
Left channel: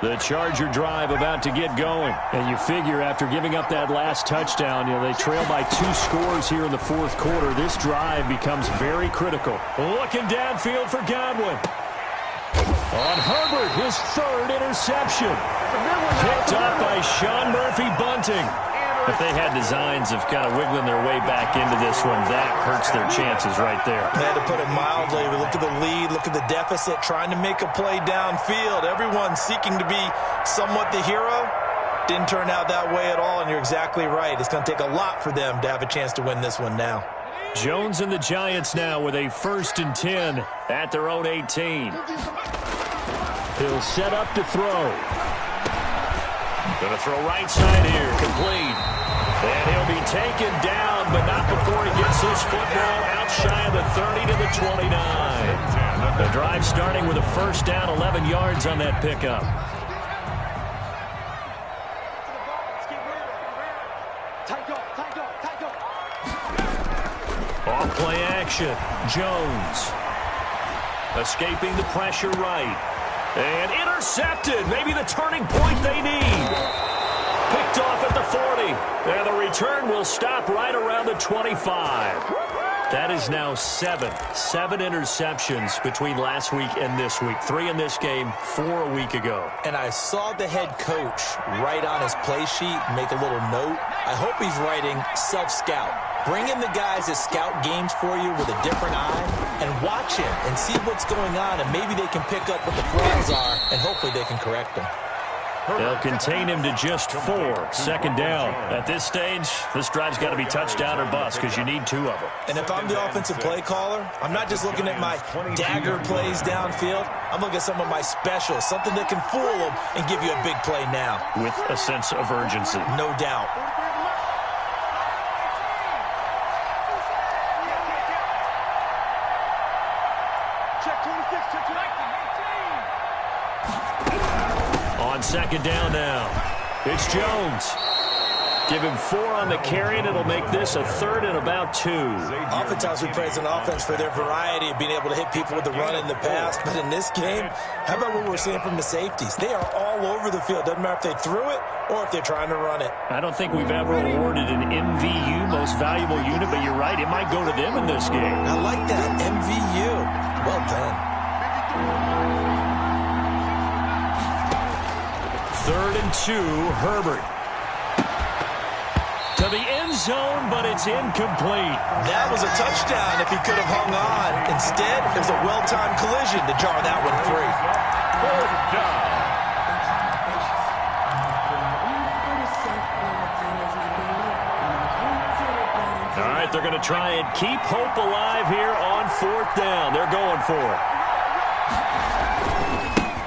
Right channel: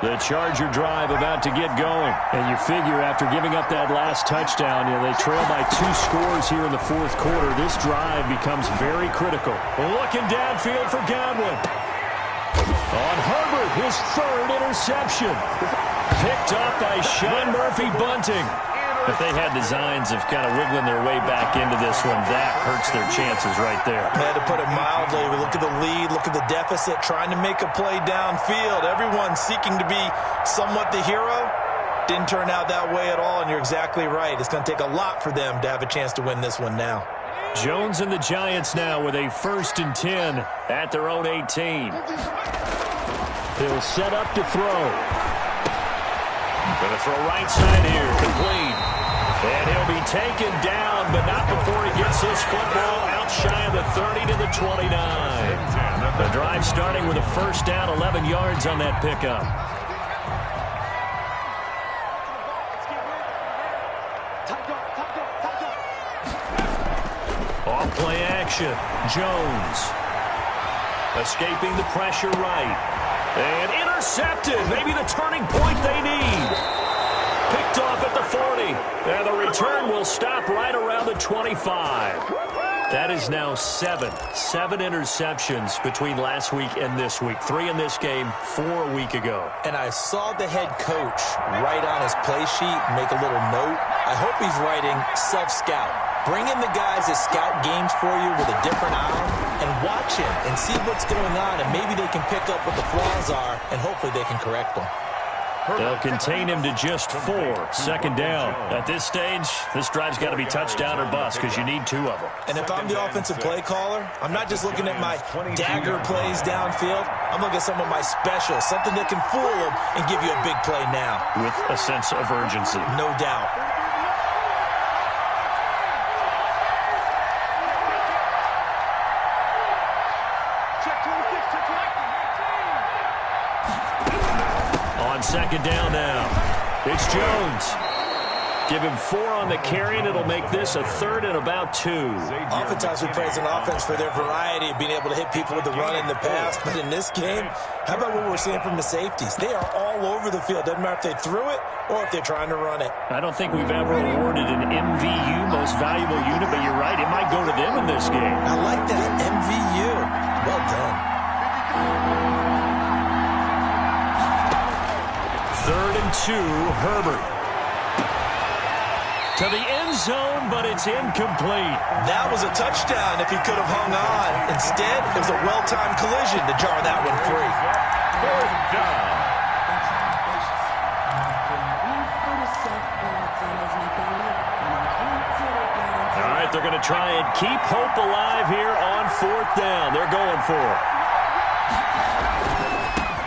The Charger drive about to get going. And you figure after giving up that last touchdown, they trail by 2 scores here in the 4th quarter. This drive becomes very critical. Looking downfield for Godwin. On Herbert, his 3rd interception. Picked up by Sean Murphy-Bunting. If they had designs of kind of wiggling their way back into this one, that hurts their chances right there. Man, to put it mildly, we look at the lead, look at the deficit, trying to make a play downfield. Everyone seeking to be somewhat the hero. Didn't turn out that way at all, and you're exactly right. It's going to take a lot for them to have a chance to win this one now. Jones and the Giants now with a 1st and 10 at their own 18. He'll set up to throw. Going to throw right side here, complete. And he'll be taken down, but not before he gets this football out shy of the 30 to the 29. The drive starting with a first down, 11 yards on that pickup. Off play action. Jones. Escaping the pressure right. And intercepted. Maybe the turning point they need. Picked off at the 40. And the return will stop right around the 25. That is now seven interceptions between last week and this week. 3 in this game, 4 a week ago. And I saw the head coach write on his play sheet, make a little note. I hope he's writing self-scout. Bring in the guys that scout games for you with a different eye and watch him and see what's going on, and maybe they can pick up what the flaws are, and hopefully they can correct them. They'll contain him to just 4. Second down. At this stage, this drive's got to be touchdown or bust because you need 2 of them. And if I'm the offensive play caller, I'm not just looking at my dagger plays downfield. I'm looking at some of my specials, something that can fool them and give you a big play now. With a sense of urgency. No doubt. On second down now, it's Jones. Give him 4 on the carry, and it'll make this a 3rd and about 2. Oftentimes we praise an offense for their variety of being able to hit people with the run in the past, but in this game, how about what we're seeing from the safeties? They are all over the field. Doesn't matter if they threw it or if they're trying to run it. I don't think we've ever awarded an MVU, most valuable unit, but you're right, it might go to them in this game. I like that, MVU. Well done. 3rd and 2, Herbert. To the end zone, but it's incomplete. That was a touchdown if he could have hung on. Instead, it was a well-timed collision to jar that one free. 4th down. All right, they're going to try and keep hope alive here on 4th down. They're going for it.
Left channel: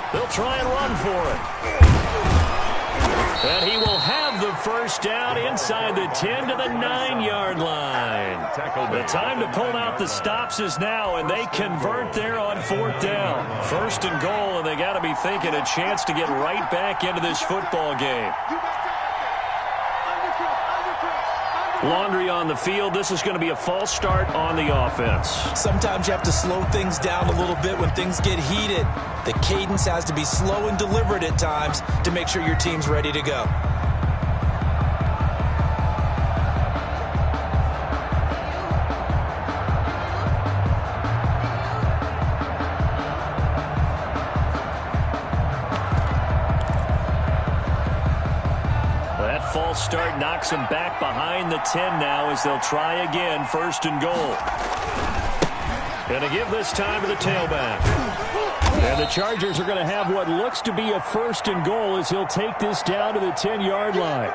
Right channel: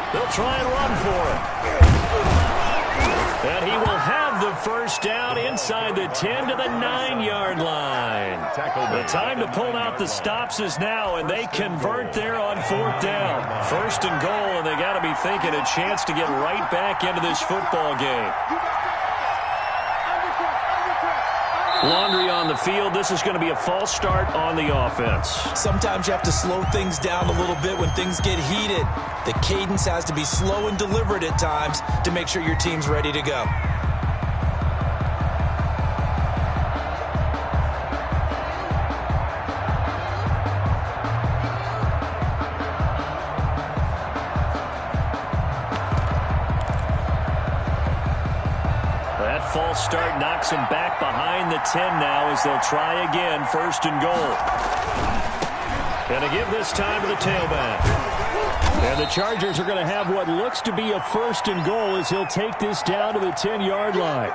They'll try and run for it. And he will have the first down inside the 10 to the 9-yard line. The time to pull out the stops is now, and they convert there on 4th down. 1st and goal, and they got to be thinking a chance to get right back into this football game. Laundry on the field. This is going to be a false start on the offense. Sometimes you have to slow things down a little bit when things get heated. The cadence has to be slow and deliberate at times to make sure your team's ready to go. That false start knocks him back behind the 10 now as they'll try again. 1st and goal. And to give this time to the tailback. And the Chargers are going to have what looks to be a 1st and goal as he'll take this down to the 10-yard line.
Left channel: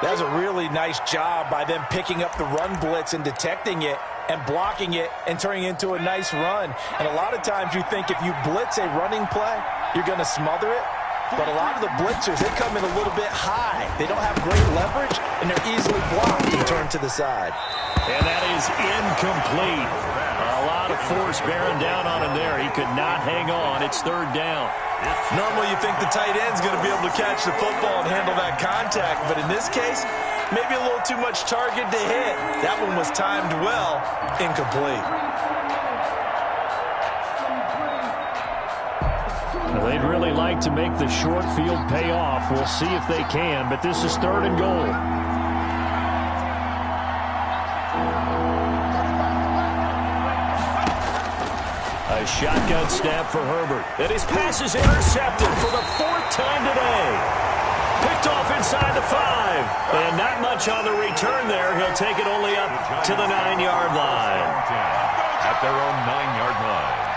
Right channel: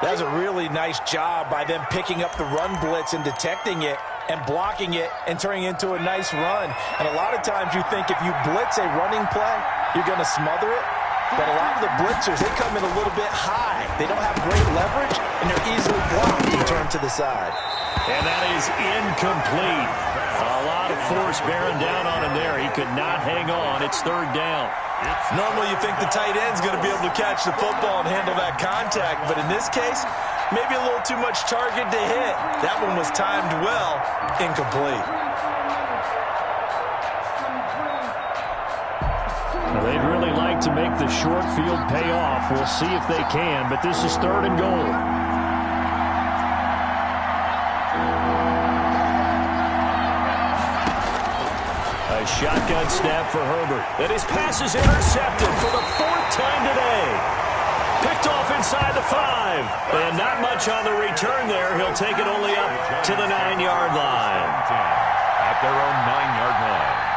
That was a really nice job by them picking up the run blitz and detecting it and blocking it and turning it into a nice run. And a lot of times you think if you blitz a running play, you're going to smother it. But a lot of the blitzers, they come in a little bit high. They don't have great leverage, and they're easily blocked and turned to the side. And that is incomplete. A lot of force bearing down on him there. He could not hang on. It's 3rd down. Normally you think the tight end's going to be able to catch the football and handle that contact, but in this case, maybe a little too much target to hit. That one was timed well, incomplete. They'd really like to make the short field pay off. We'll see if they can, but this is 3rd and goal. A shotgun snap for Herbert. And his pass is intercepted for the 4th time today. Picked off inside the 5. And not much on the return there. He'll take it only up to the 9-yard line. At their own 9-yard line.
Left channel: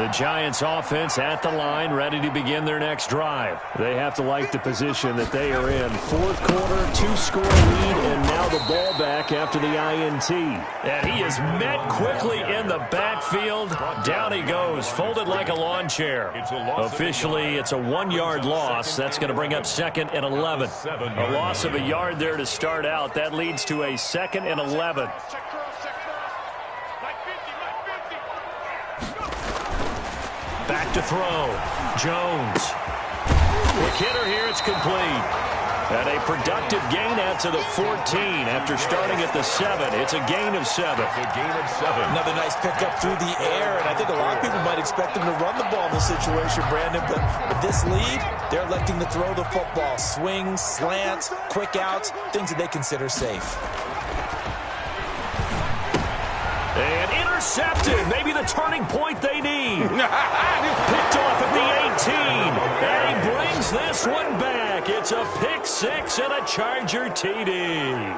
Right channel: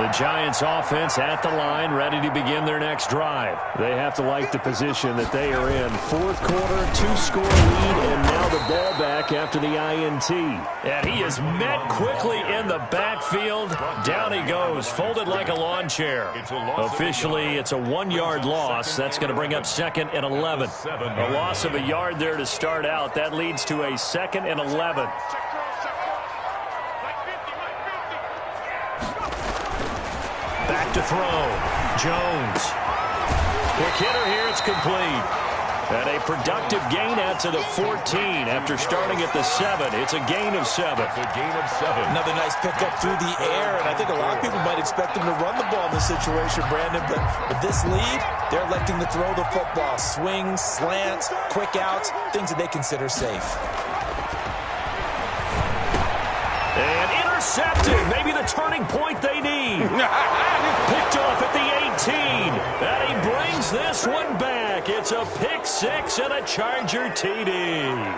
The Giants offense at the line, ready to begin their next drive. They have to like the position that they are in. Fourth quarter, 2-score lead, and now the ball back after the INT. And he is met quickly in the backfield. Down he goes, folded like a lawn chair. Officially, it's a 1-yard loss. That's going to bring up 2nd and 11. A loss of a yard there to start out. That leads to a 2nd and 11. Back to throw. Jones. Quick hitter here. It's complete. And a productive gain out to the 14 after starting at the 7. It's a gain of 7. Another nice pickup through the air, and I think a lot of people might expect him to run the ball in this situation, Brandon, but with this lead, they're electing to throw the football. Swings, slants, quick outs, things that they consider safe. And intercepted. Maybe the turning point they need. Picked off at the 18. And he brings this one back. It's a pick 6 and a Charger TD.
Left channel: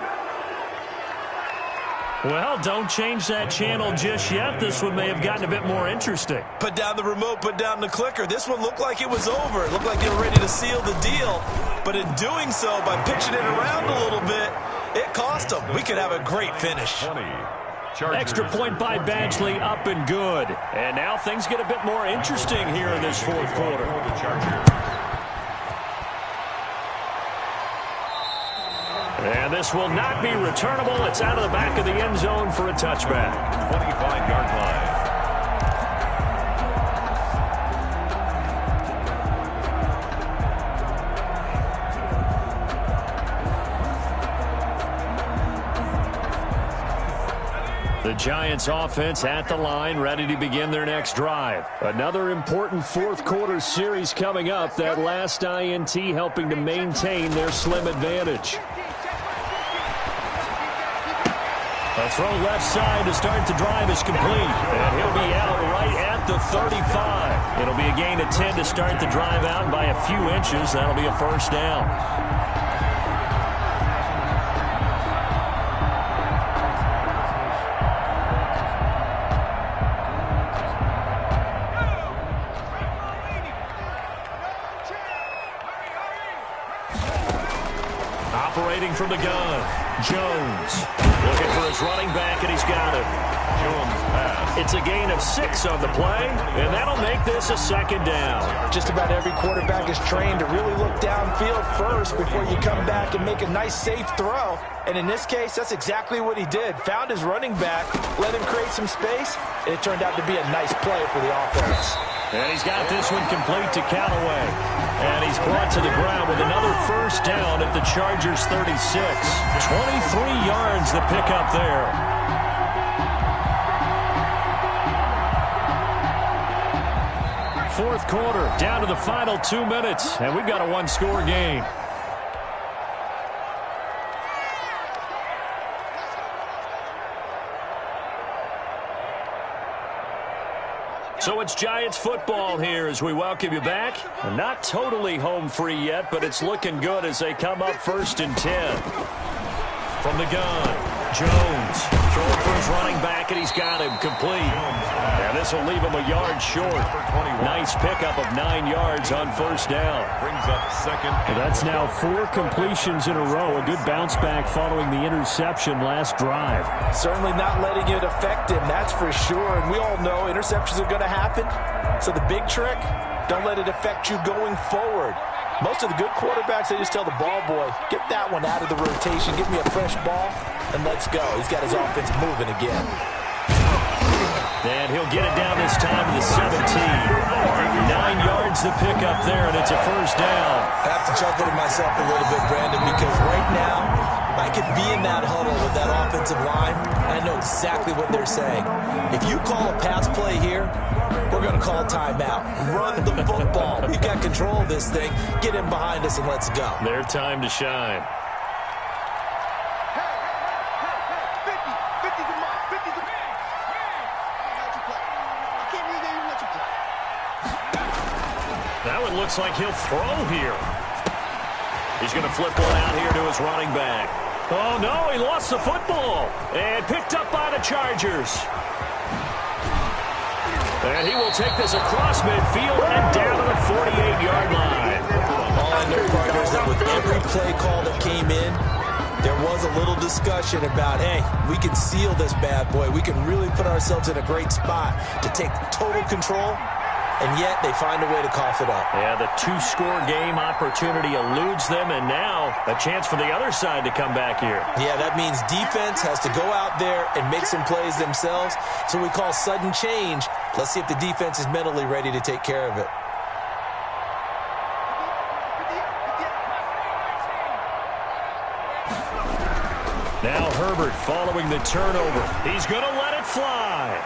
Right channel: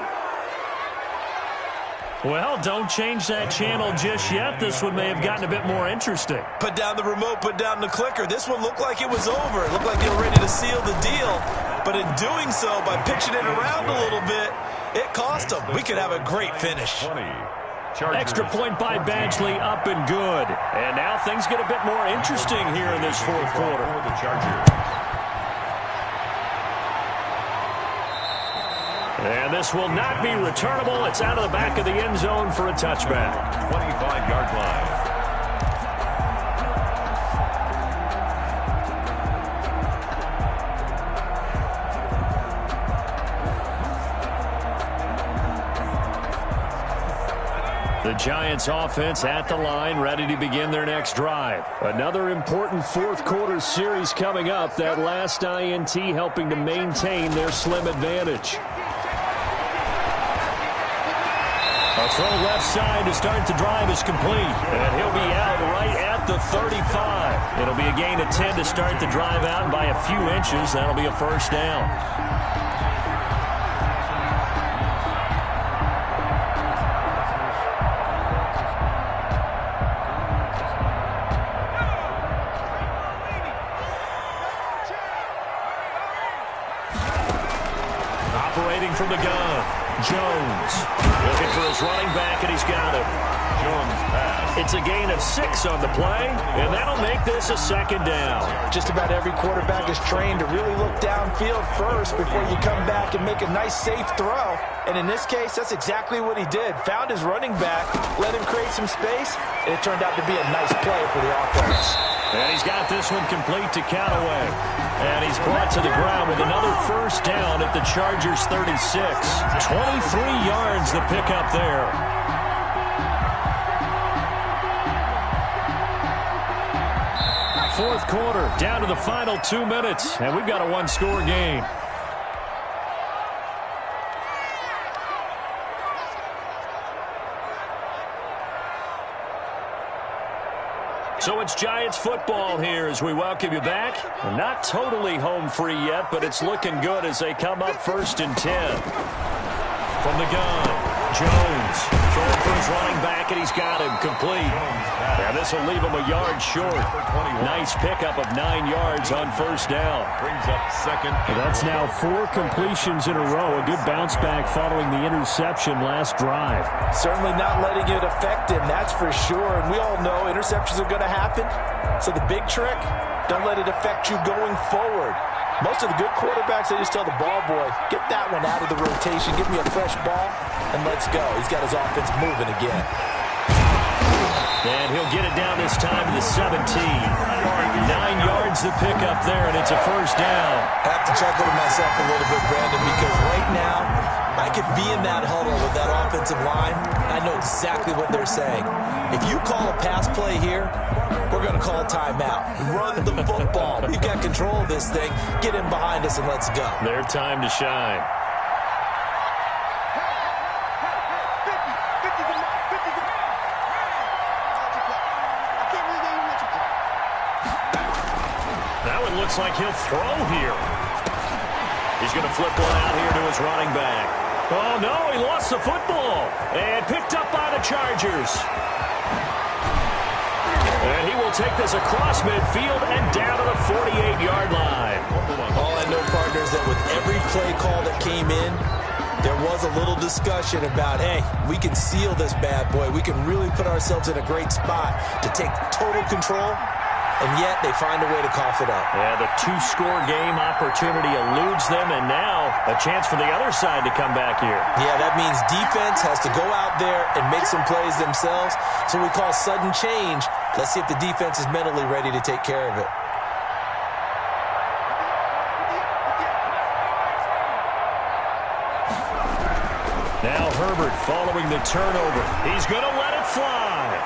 Well, don't change that channel just yet. This one may have gotten a bit more interesting. Put down the remote, put down the clicker. This one looked like it was over. It looked like they were ready to seal the deal. But in doing so, by pitching it around a little bit, it cost them. We could have a great finish. Extra point by Badgley, up and good. And now things get a bit more interesting here in this fourth quarter. And this will not be returnable. It's out of the back of the end zone for a touchback. 25-yard line. The Giants offense at the line, ready to begin their next drive. Another important fourth quarter series coming up. That last INT helping to maintain their slim advantage. A throw left side to start the drive is complete. And he'll be out right at the 35. It'll be a gain of 10 to start the drive out by a few inches. That'll be a first down. Operating from the gun, Jones looking for his running back, and he's got him. Jones pass. It's a gain of 6 on the play, and that'll make this a second down. Just about every quarterback is trained to really look downfield first before you come back and make a nice, safe throw. And in this case, that's exactly what he did. Found his running back, let him create some space, and it turned out to be a nice play for the offense. And he's got this one complete to Callaway. And he's brought to the ground with another first down at the Chargers 36. 23 yards the pickup there. Fourth quarter, down to the final 2 minutes, and we've got a one-score game. So it's Giants football here as we welcome you back. Not totally home free yet, but it's looking good as they come up 1st and 10. From the gun, Jones throwing for his running back, and he's got him complete. And this will leave him a yard short. Nice pickup of 9 yards on first down. Brings up 2nd. That's now 4 completions in a row. A good bounce back following the interception last drive. Certainly not letting it affect him, that's for sure. And we all know interceptions are going to happen. So the big trick, don't let it affect you going forward. Most of the good quarterbacks, they just tell the ball boy, get that one out of the rotation, give me a fresh ball, and let's go. He's got his offense moving again. And he'll get it down this time to the 17. 9 yards to pick up there, and it's a first down. I have to chuckle to myself a little bit, Brandon, because right now I could be in that huddle with that offensive line. I know exactly what they're saying. If you call a pass play here, we're going to call timeout. Run the football. We've got control of this thing. Get in behind us and let's go. Their time to shine. That one looks like he'll throw here. He's going to flip one out here to his running back. Oh, no, he lost the football. And picked up by the Chargers. And he will take this across midfield and down to the 48-yard line. All I know, partners, that with every play call that came in, there was a little discussion about, hey, we can seal this bad boy. We can really put ourselves in a great spot to take total control, and yet they find a way to cough it up. Yeah, the two-score game opportunity eludes them, and now a chance for the other side to come back here. Yeah, that means defense has to go out there and make some plays themselves. So we call sudden change. Let's see if the defense is mentally ready to take care of it. Now Herbert following the turnover. He's going to let it fly.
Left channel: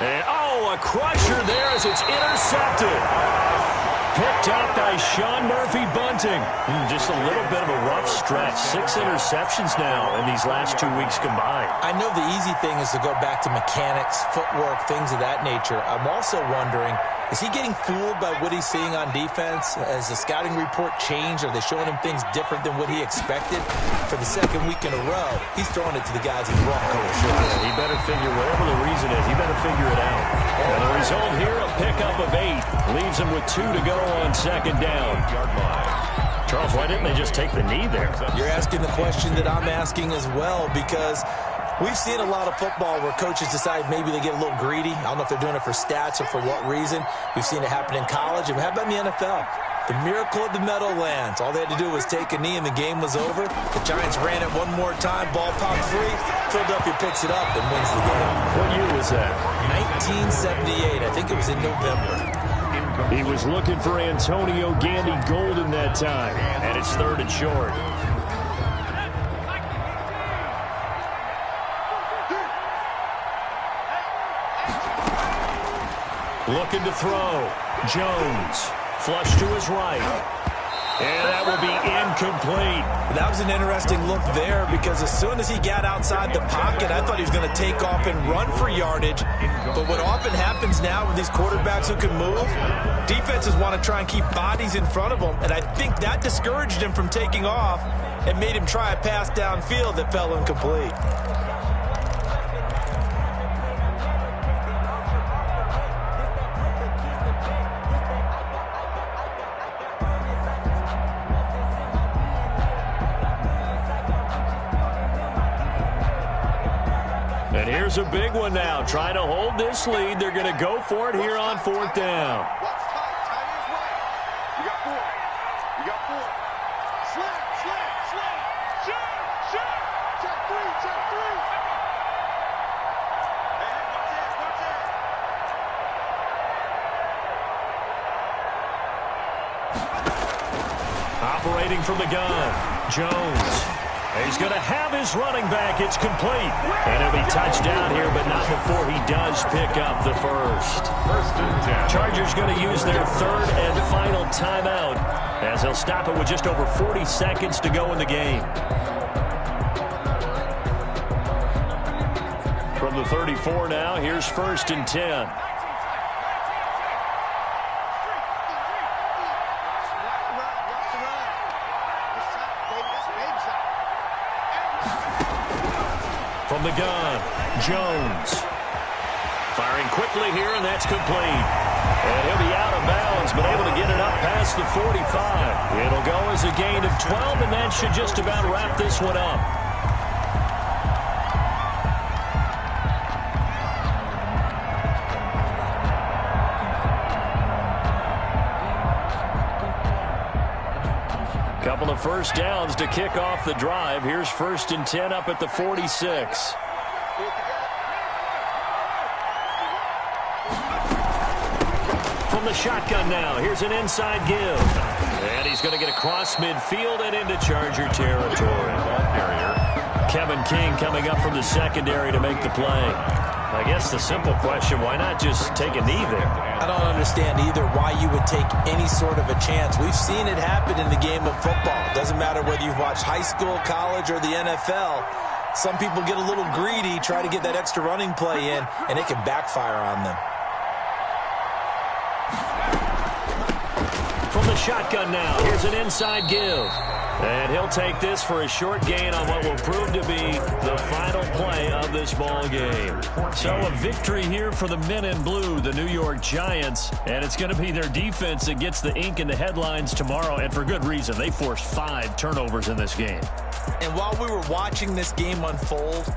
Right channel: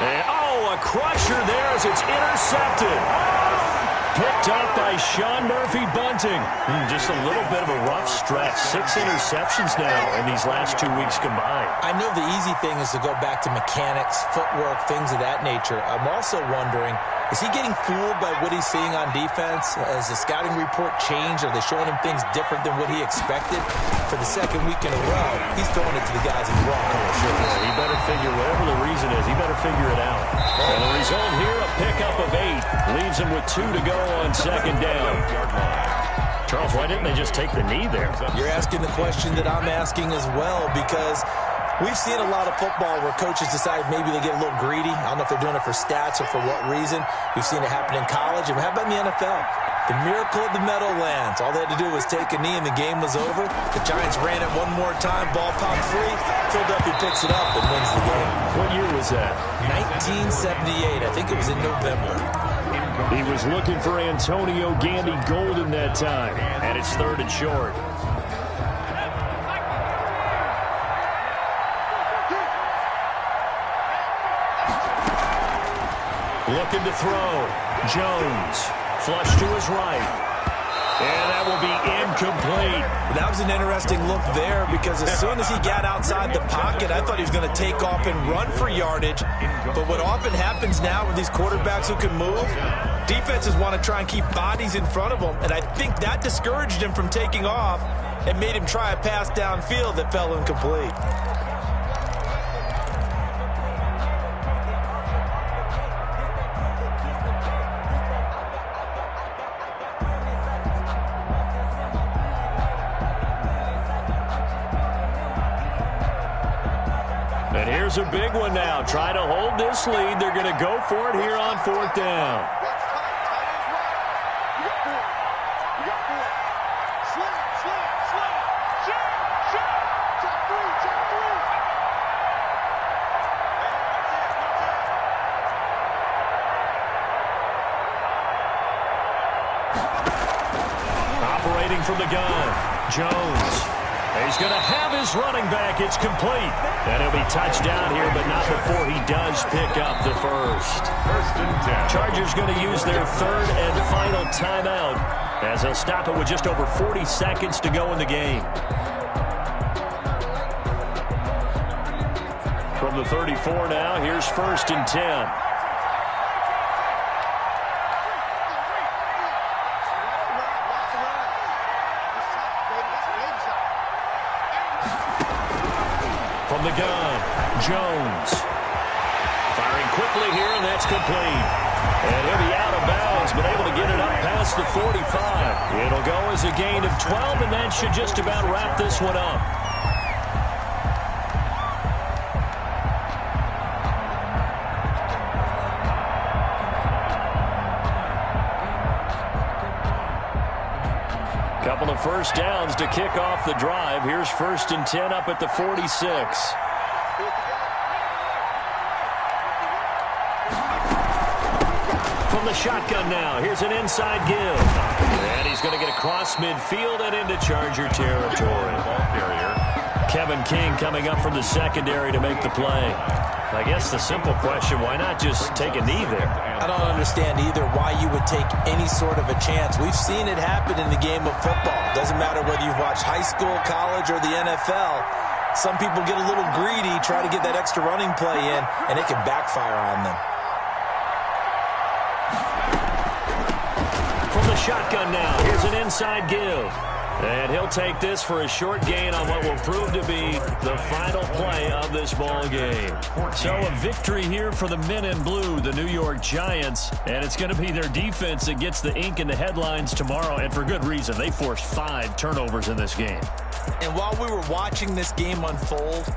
And, oh, a crusher there as it's intercepted. Picked up by Sean Murphy-Bunting. Just a little bit of a rough stretch. 6 interceptions now in these last 2 weeks combined. I know the easy thing is to go back to mechanics, footwork, things of that nature. I'm also wondering, is he getting fooled by what he's seeing on defense? Has the scouting report changed? Are they showing him things different than what he expected? For the second week in a row, he's throwing it to the guys in the wrong color shirts. Yeah, he better figure, whatever the reason is, he better figure it out. And the result here, a pickup of 8. Leaves him with 2 to go on second down. Charles, why didn't they just take the knee there? You're asking the question that I'm asking as well, because we've seen a lot of football where coaches decide maybe they get a little greedy. I don't know if they're doing it for stats or for what reason. We've seen it happen in college. And how about in the NFL? The miracle of the Meadowlands. All they had to do was take a knee and the game was over. The Giants ran it one more time. Ball popped free. Philadelphia picks it up and wins the game. What year was that? 1978. I think it was in November. He was looking for Antonio Gandy Golden that time. And it's 3rd and short. Looking to throw. Jones. Flush to his right. And that will be incomplete. That was an interesting look there, because as soon as he got outside the pocket, I thought he was going to take off and run for yardage. But what often happens now with these quarterbacks who can move, defenses want to try and keep bodies in front of them. And I think that discouraged him from taking off and made him try a pass downfield that fell incomplete. And here's a big one now. Trying to hold this lead. They're going to go for it here on 4th down. What's tight? Tight ends right. You got 4. You got 4. Slam, slam, slam. Shoot, shoot. Check 3, check 3. Hey, what's it? What's it? Operating from the gun. Jones. He's going to have his running back. It's complete. And he'll be touchdown here, but not before he does pick up the first. 1st and 10. Chargers going to use their 3rd and final timeout, as they'll stop it with just over 40 seconds to go in the game. From the 34 now, here's 1st and 10. From the gun, Jones. Firing quickly here, and that's complete. And he'll be out of bounds, but able to get it up past the 45. It'll go as a gain of 12, and that should just about wrap this one up. Couple of first downs to kick off the drive. Here's 1st and 10 up at the 46. From the shotgun now, here's an inside give. And he's going to get across midfield and into Charger territory. Ball carrier. Kevin King coming up from the secondary to make the play. I guess the simple question, why not just take a knee there? I don't understand either why you would take any sort of a chance. We've seen it happen in the game of football. Doesn't matter whether you've watched high school, college, or the NFL. Some people get a little greedy, try to get that extra running play in, and it can backfire on them. From the shotgun now, here's an inside give. And he'll take this for a short gain on what will prove to be the final play of this ball game. So a victory here for the men in blue, the New York Giants. And it's going to be their defense that gets the ink in the headlines tomorrow. And for good reason. They forced 5 turnovers in this game. And while we were watching this game unfold,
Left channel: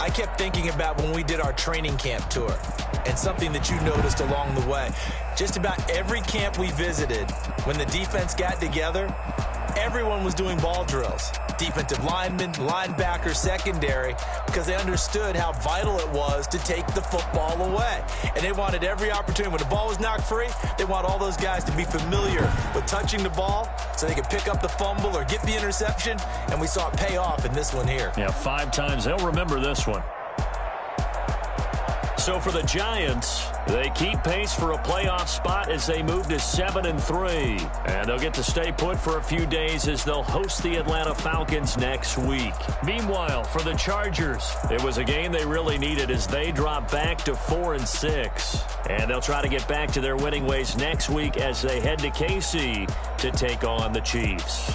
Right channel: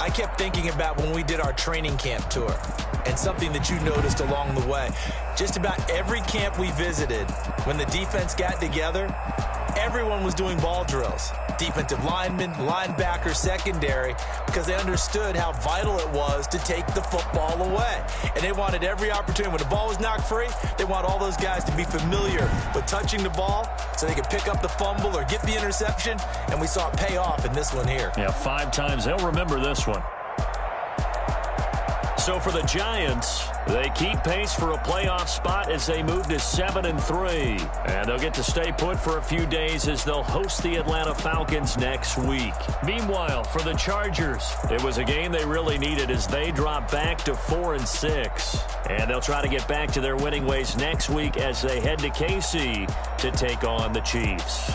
I kept thinking about when we did our training camp tour and something that you noticed along the way. Just about every camp we visited, when the defense got together, everyone was doing ball drills. Defensive linemen, linebackers, secondary, because they understood how vital it was to take the football away. And they wanted every opportunity. When the ball was knocked free, they want all those guys to be familiar with touching the ball so they could pick up the fumble or get the interception. And we saw it pay off in this one here. Yeah, 5 times. They'll remember this one. So for the Giants, they keep pace for a playoff spot as they move to 7-3. And they'll get to stay put for a few days as they'll host the Atlanta Falcons next week. Meanwhile, for the Chargers, it was a game they really needed as they drop back to 4-6. And they'll try to get back to their winning ways next week as they head to KC to take on the Chiefs.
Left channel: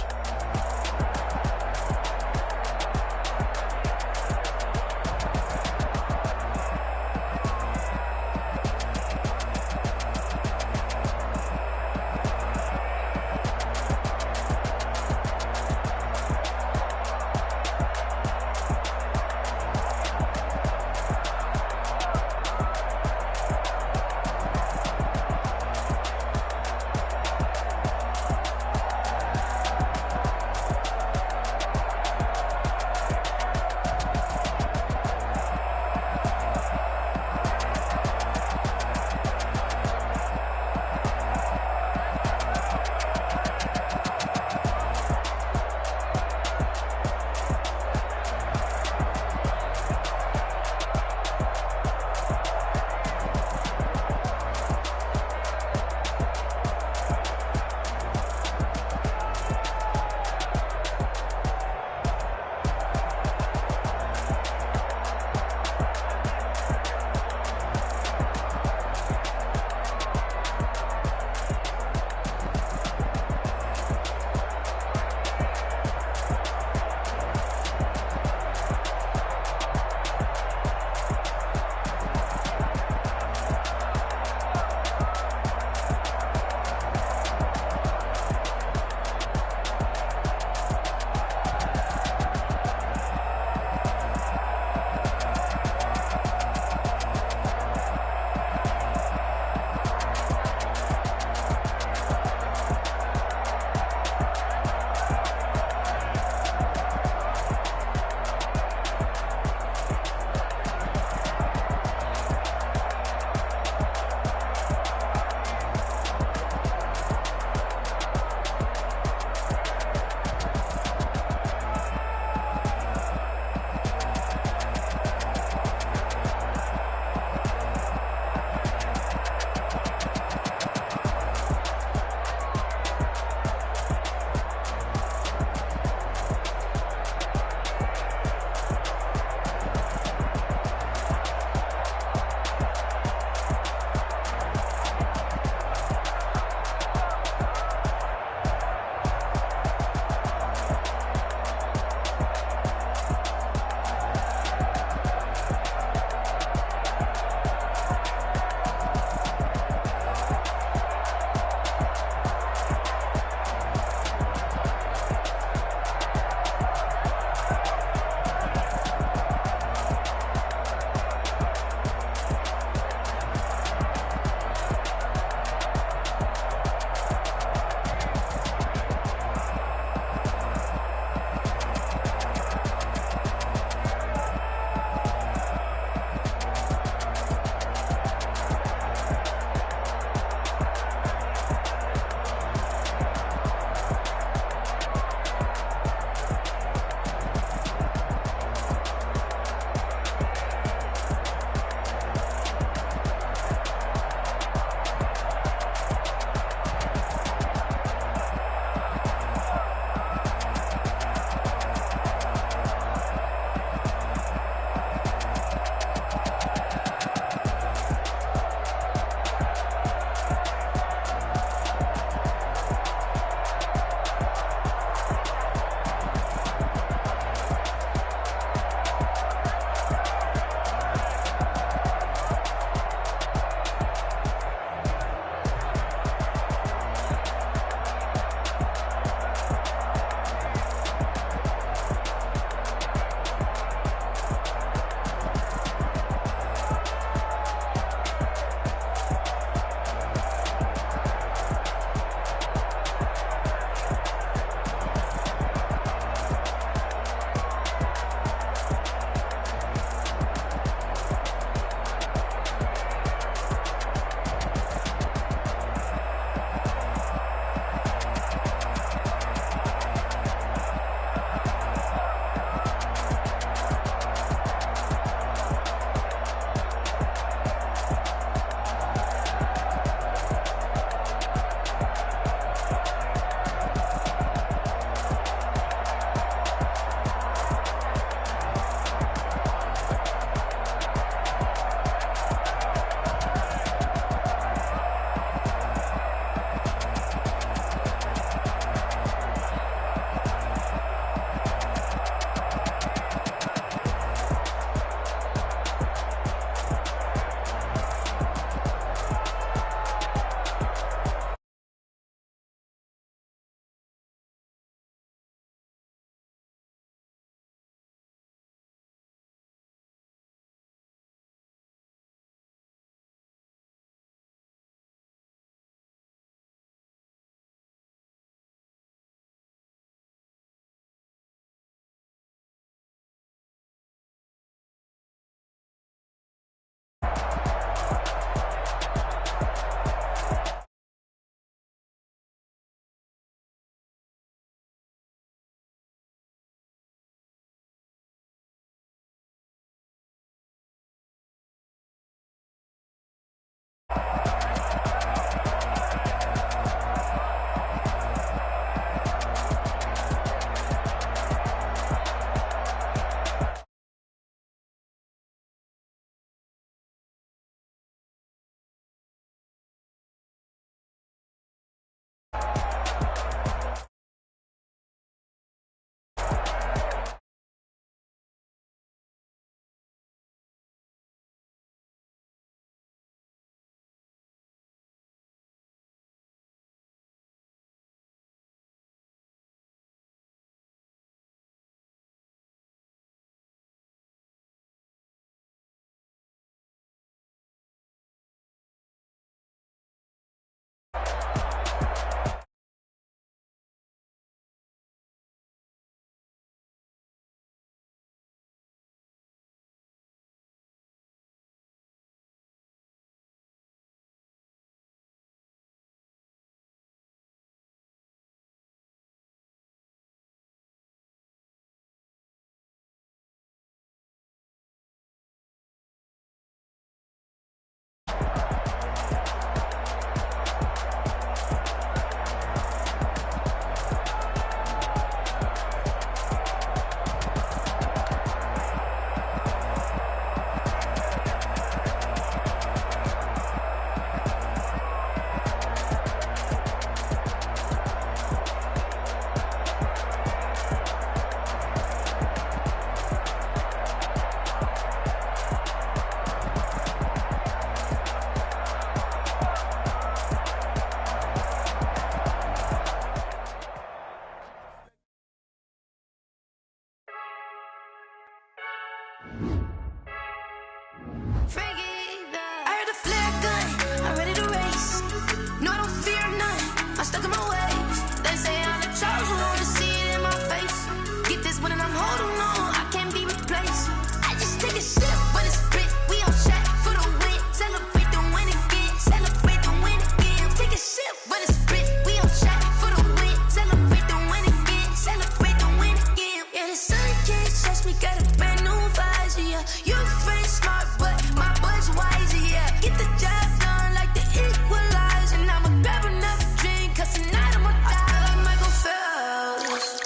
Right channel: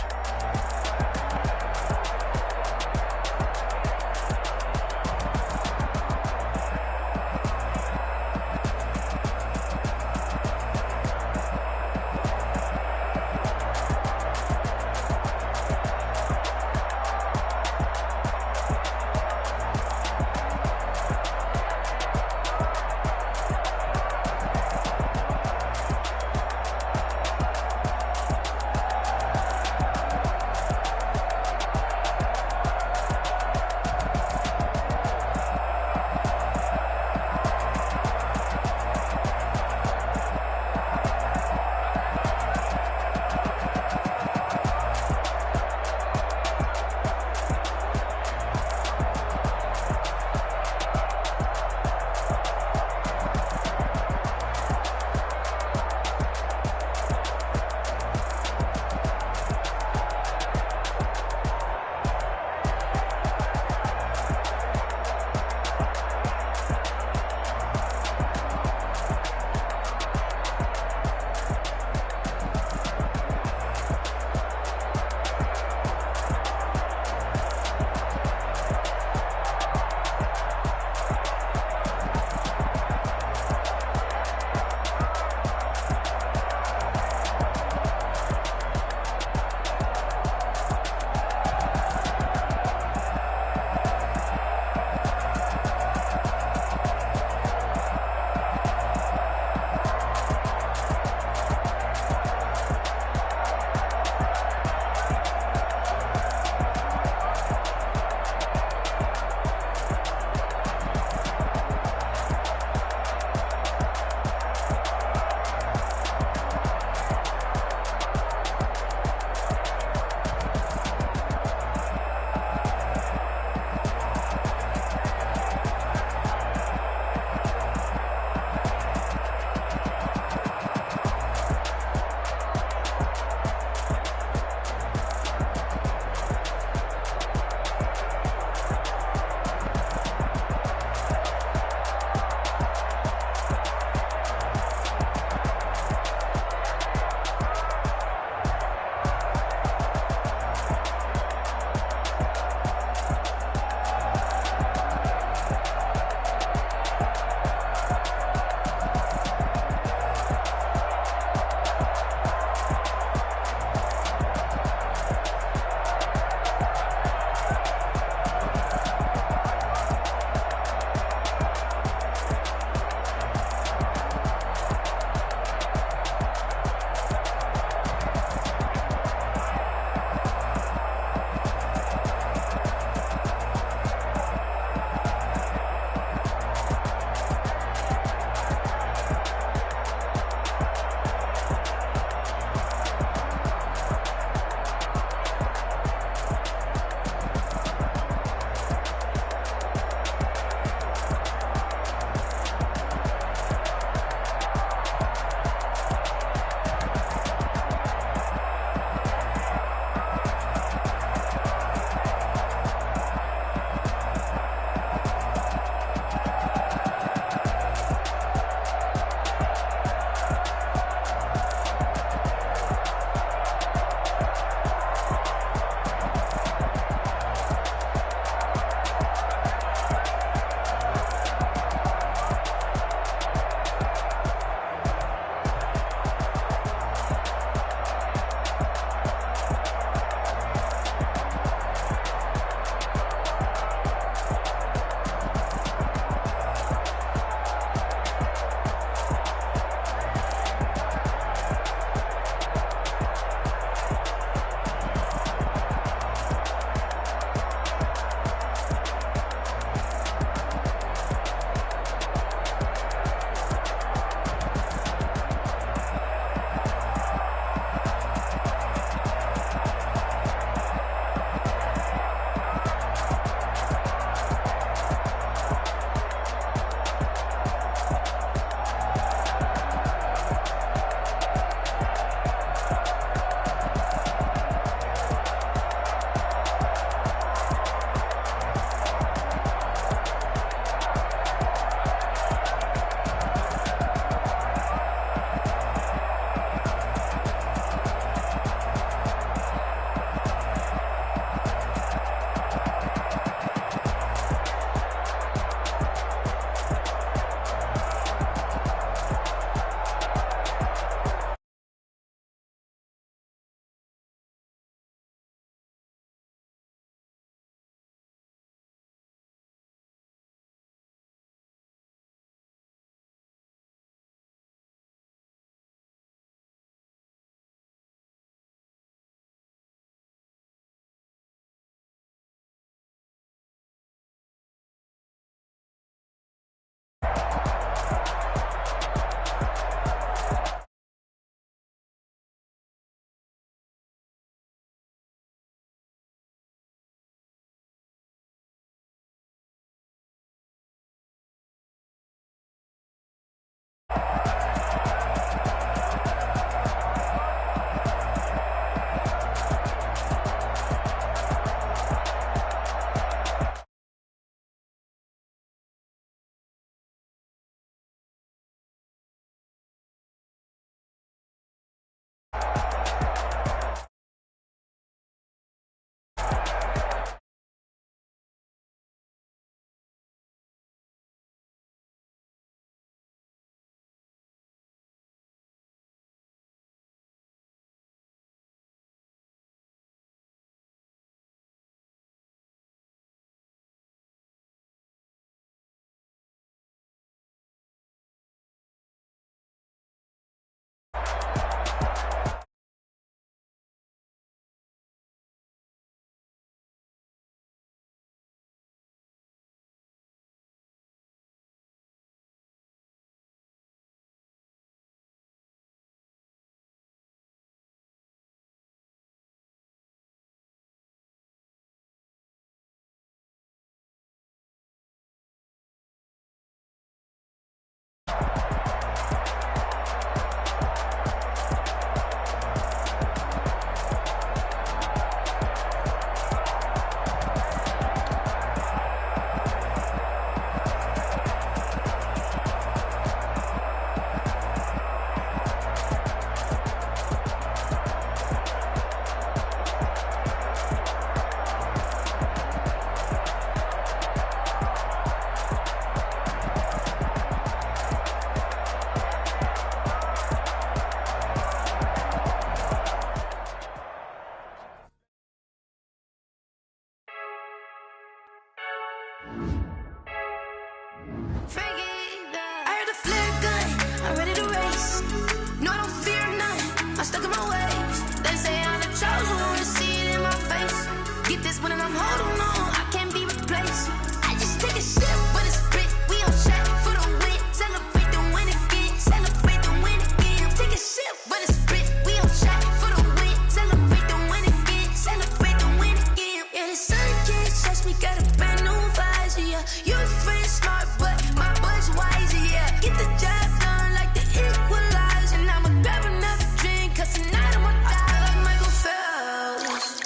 stuck in my ways. They say I'm the chosen one, see it in my face. Get this one and I'm holding on, I can't be replaced. I just take a sip, but it's spit. We on track for the win. Celebrate the win again. Celebrate the win again. Take a sip, but it's spit. We on track for the win. Celebrate the win again. Celebrate the win again. Yeah, the sun can't touch me. Got a brand new visor. Yeah, you friend smart, but my bud's wiser. Yeah, get the job done like the equalizer. And I'ma grab another drink, 'cause tonight I'ma die like Michael Phelps.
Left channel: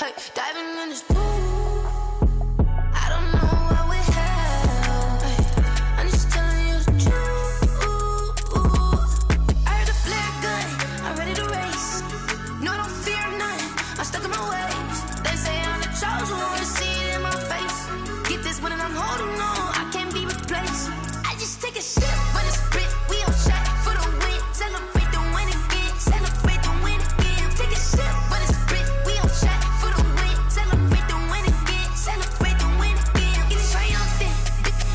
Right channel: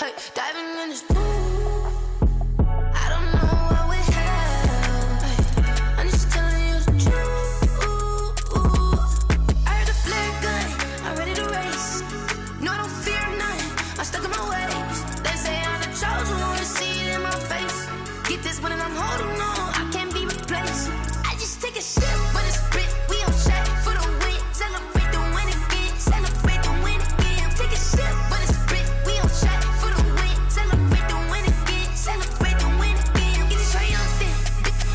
Hey, diving in this pool. I don't know what we have. Hey, I'm just telling you the truth. I heard the flare gun, I'm ready to race. No, I don't fear none, I'm stuck in my ways. They say I'm the chosen one, see it in my face. Get this one and I'm holding on, I can't be replaced. I just take a sip, but it's spit. We on track for the win. Celebrate the win again. Celebrate the win again. Take a sip, but it's spit. We on track for the win. Celebrate the win again. Celebrate the win again. Get it triumphant.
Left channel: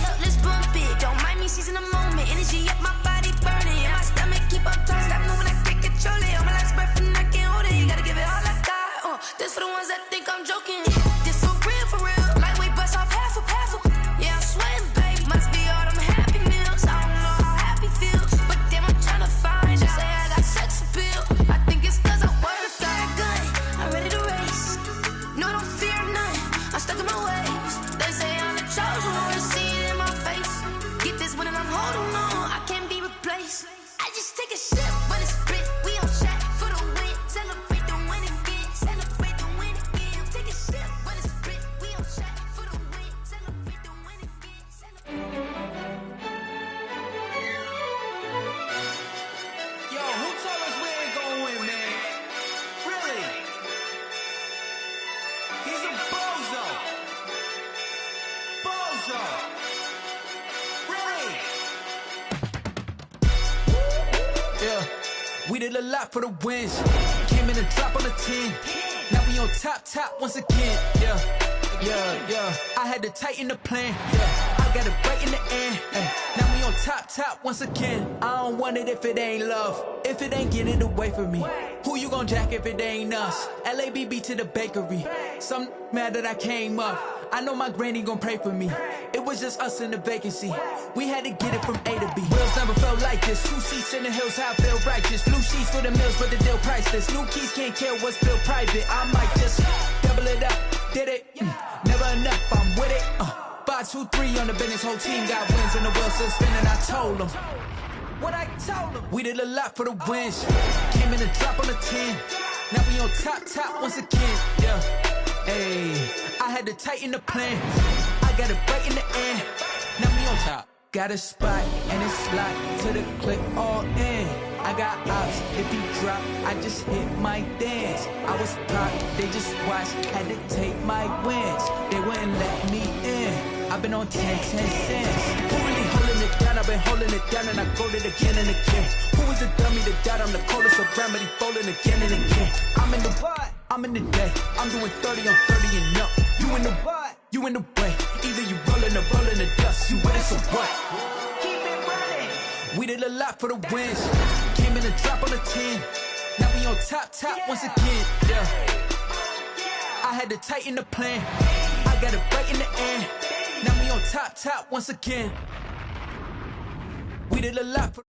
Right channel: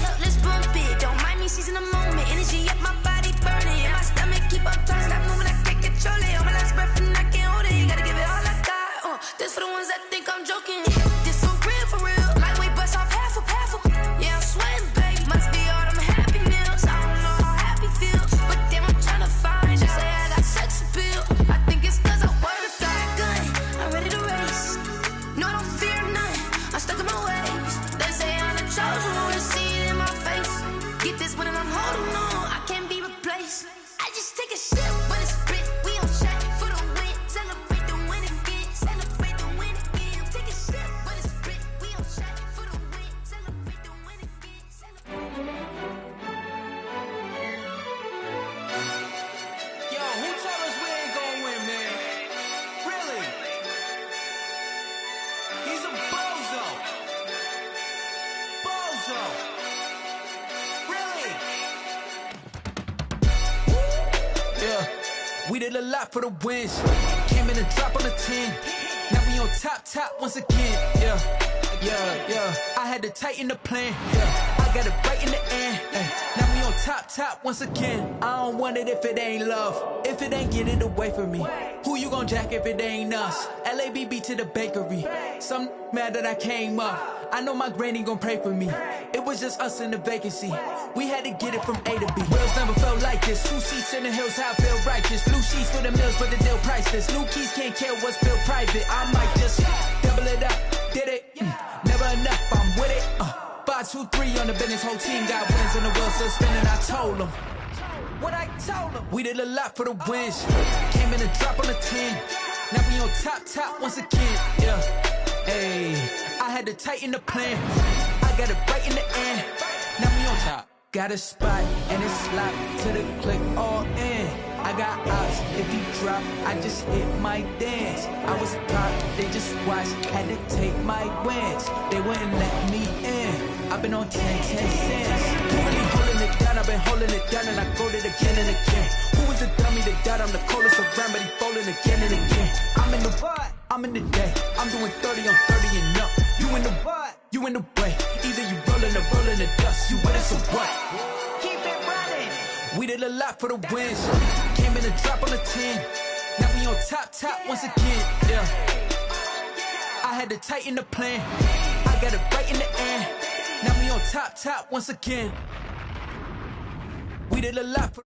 Look, let's bump it. Don't mind me seizing the moment. Energy up my body burning. And my stomach keep up turning. Stop moving, I can't control it. On my last breath and I can't hold it. You gotta give it all I got. This for the ones that think I'm joking. This for real, for real. Lightweight bust off half of. Yeah, I'm sweating, baby. Must be all them happy meals. I don't know how happy feels, but damn, I'm tryna find you. Say I got sex appeal. I think it's 'cause I work that gun. I'm ready to race. No, I don't fear none. I'm stuck in my ways. They say I'm the chosen one, see it in my face. Get this one and I'm holding on, I can't be replaced. I just take a sip, but it's spit. We on track for the win. Celebrate the win again. Celebrate the win again. Take a sip, but it's spit. We on track for the win. Celebrate the win again. Yo, who told us we ain't gonna win, man? Really? He's a bozo. Bozo. Really? Yeah, we did a lot for the wins. Came in and drop on the 10. Now we on top once again. Yeah. I had to tighten the plan. Yeah, I got it right in the end. Ay. Now we on top once again. I don't want it if it ain't love. If it ain't, get it away from me. Who you gon' jack if it ain't us? LABB to the bakery. Some mad that I came up. I know my granny gon' pray for me. It was just us in the vacancy. We had to get it from A to B. Wheels never felt like this. 2 seats in the hills, how I feel righteous. Blue sheets for the mills, but the deal priceless. New keys can't kill what's built private. I might just double it up. Did it? Never enough, I'm with it. 5, 2, 3 on the business. Whole team got wins and the wheels still spinning. I told them what I told them. We did a lot for the wins. Came in and drop on the 10. Now we on top once again. Yeah. Hey, I had to tighten the plan. I got it right in the end. Now we on top. Got a spot and it's locked to the click all in. I got ops, if he drop, I just hit my dance. I was pop, they just watched, had to take my wins. They wouldn't let me in. I've been on 10 cents. Who really holding it down? I've been holding it down and I go it again and again. Who was the dummy that doubt? I'm the coldest around, but he folding again and again. I'm in the what? I'm in the day. I'm doing 30 on 30 and up. You in the what? You in the way. Either you rolling or rolling the dust. You with us or what? Keep it running. We did a lot for the wins. Came in and drop on the 10. Now we on top once again. Yeah. I had to tighten the plan. I got it right in the end. Now we on top once again. We did a lot for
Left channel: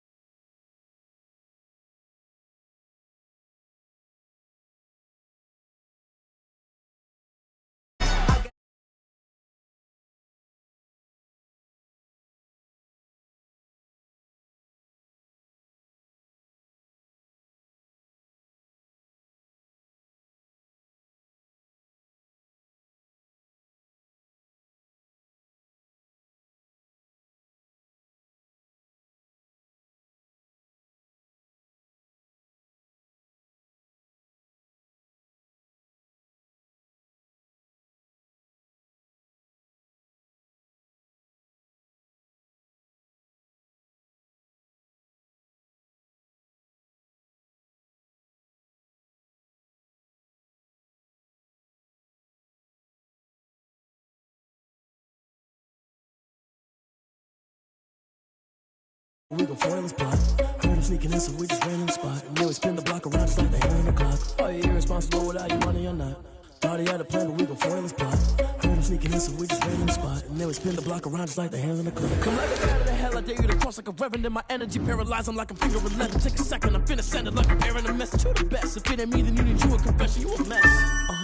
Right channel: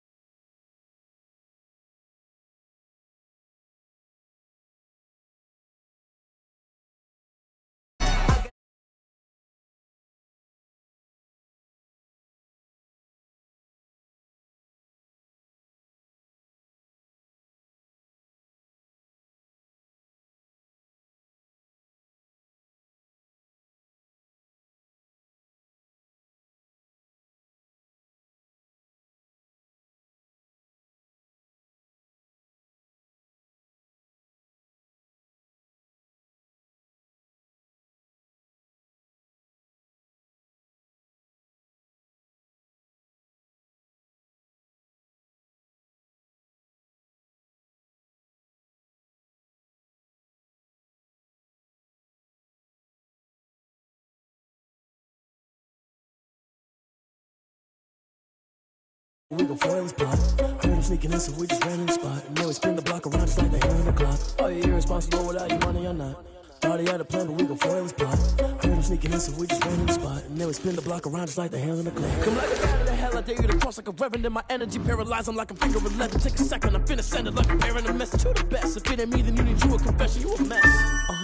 We gon' foil his plot. Heard him sneaking in, so we just ran in the spot. And then we spin the block around just like the hands on the clock. Are you irresponsible without your money or not? Thought he had a plan, but we gon' foil his plot. Heard him sneaking in, so we just ran in the spot. And then we spin the block around just like the hands on the clock. Come like a bat of the hell, I dare you to cross like a reverend. And my energy paralyzed, I'm like a finger with leather. Take a second, I'm finna send it like a parent a message. You the best, if it ain't me, then you need you a confession. You a mess.